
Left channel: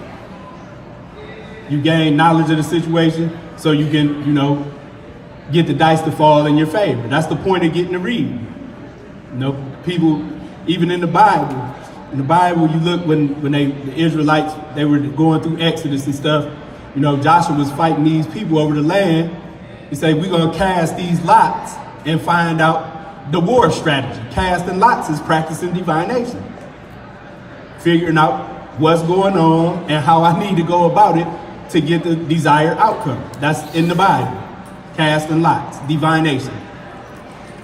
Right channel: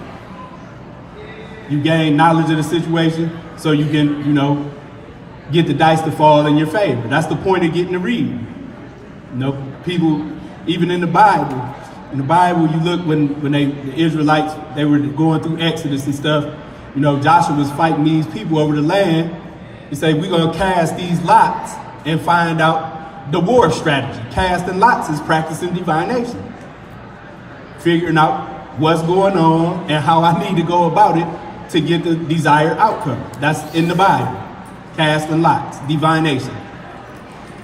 You gain knowledge of the situation so you can, get the dice to fall in your favor. That's the point of getting a reading. You know, people, even in the Bible, you look when the Israelites, they were going through Exodus and stuff, Joshua was fighting these people over the land. He said, we're going to cast these lots and find out the war strategy. Casting lots is practicing divination. Figuring out what's going on and how I need to go about it to get the desired outcome. That's in the Bible. Casting lots, divination.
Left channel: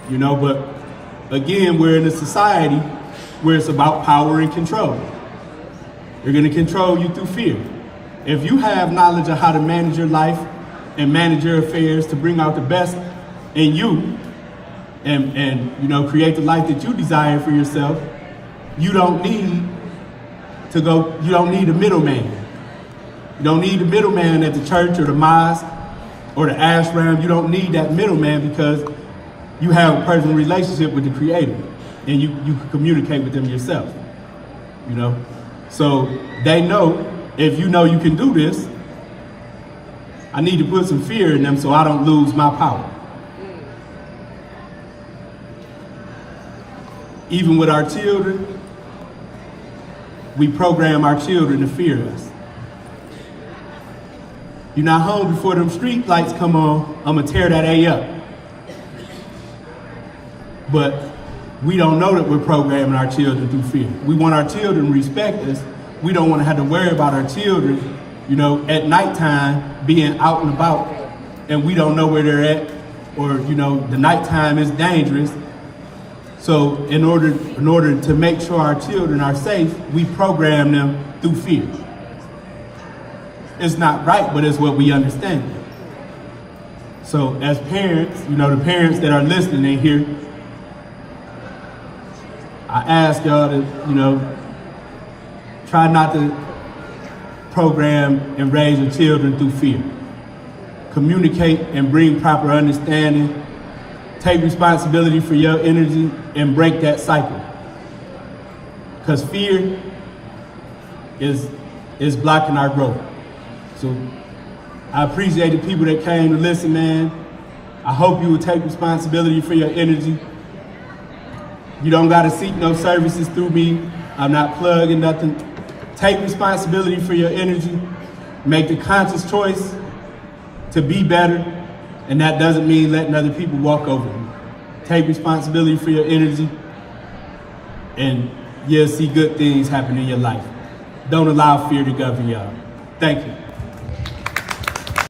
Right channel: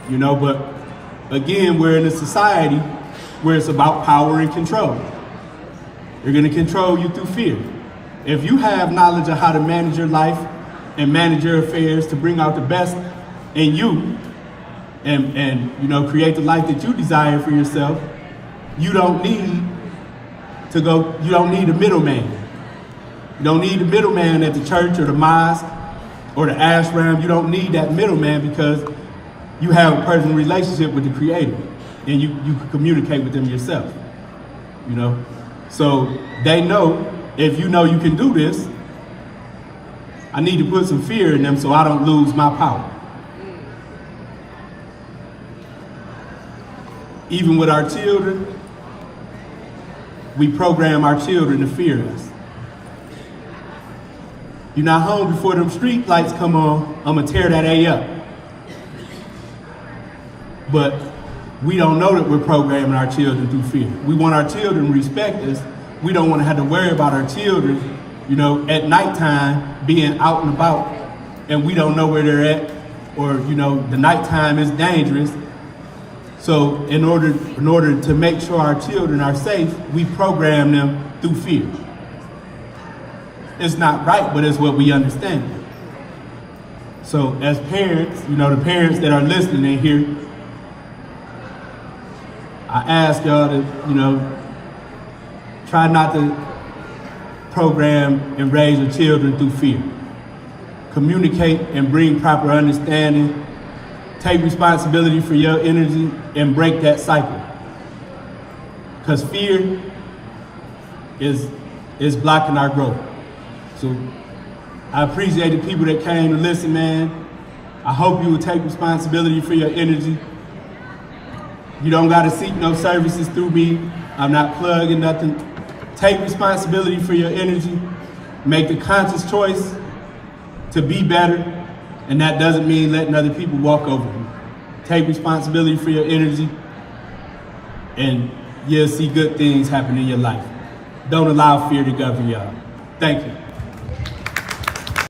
But again, we're in a society where it's about power and control. They're going to control you through fear. If you have knowledge of how to manage your life and manage your affairs to bring out the best in you and you know, create the life that you desire for yourself, you don't need a middleman. You don't need the middleman at the church or the mosque or the ashram. You don't need that middleman because you have a personal relationship with the Creator and you can communicate with them yourself, you know? So they know, if you know you can do this, I need to put some fear in them so I don't lose my power. Even with our children, we program our children to fear us. You're not home before them street lights come on, I'm gonna tear that A up. But we don't know that we're programming our children through fear. We want our children to respect us. We don't want to have to worry about our children, you know, at nighttime being out and about and we don't know where they're at, or, you know, the nighttime is dangerous. So in order to make sure our children are safe, we program them through fear. It's not right, but it's what we understand. So as parents, you know, the parents that are listening in here, I ask y'all to, you know, try not to program and raise your children through fear. Communicate and bring proper understanding. Take responsibility for your energy and break that cycle. Because fear is blocking our growth. So I appreciate the people that came to listen, man. I hope you will take responsibility for your energy. You don't gotta seek no services through me. I'm not plugging nothing. Take responsibility for your energy. Make the conscious choice to be better. And that doesn't mean letting other people walk over you. Take responsibility for your energy and you'll see good things happen in your life. Don't allow fear to govern y'all. Thank you.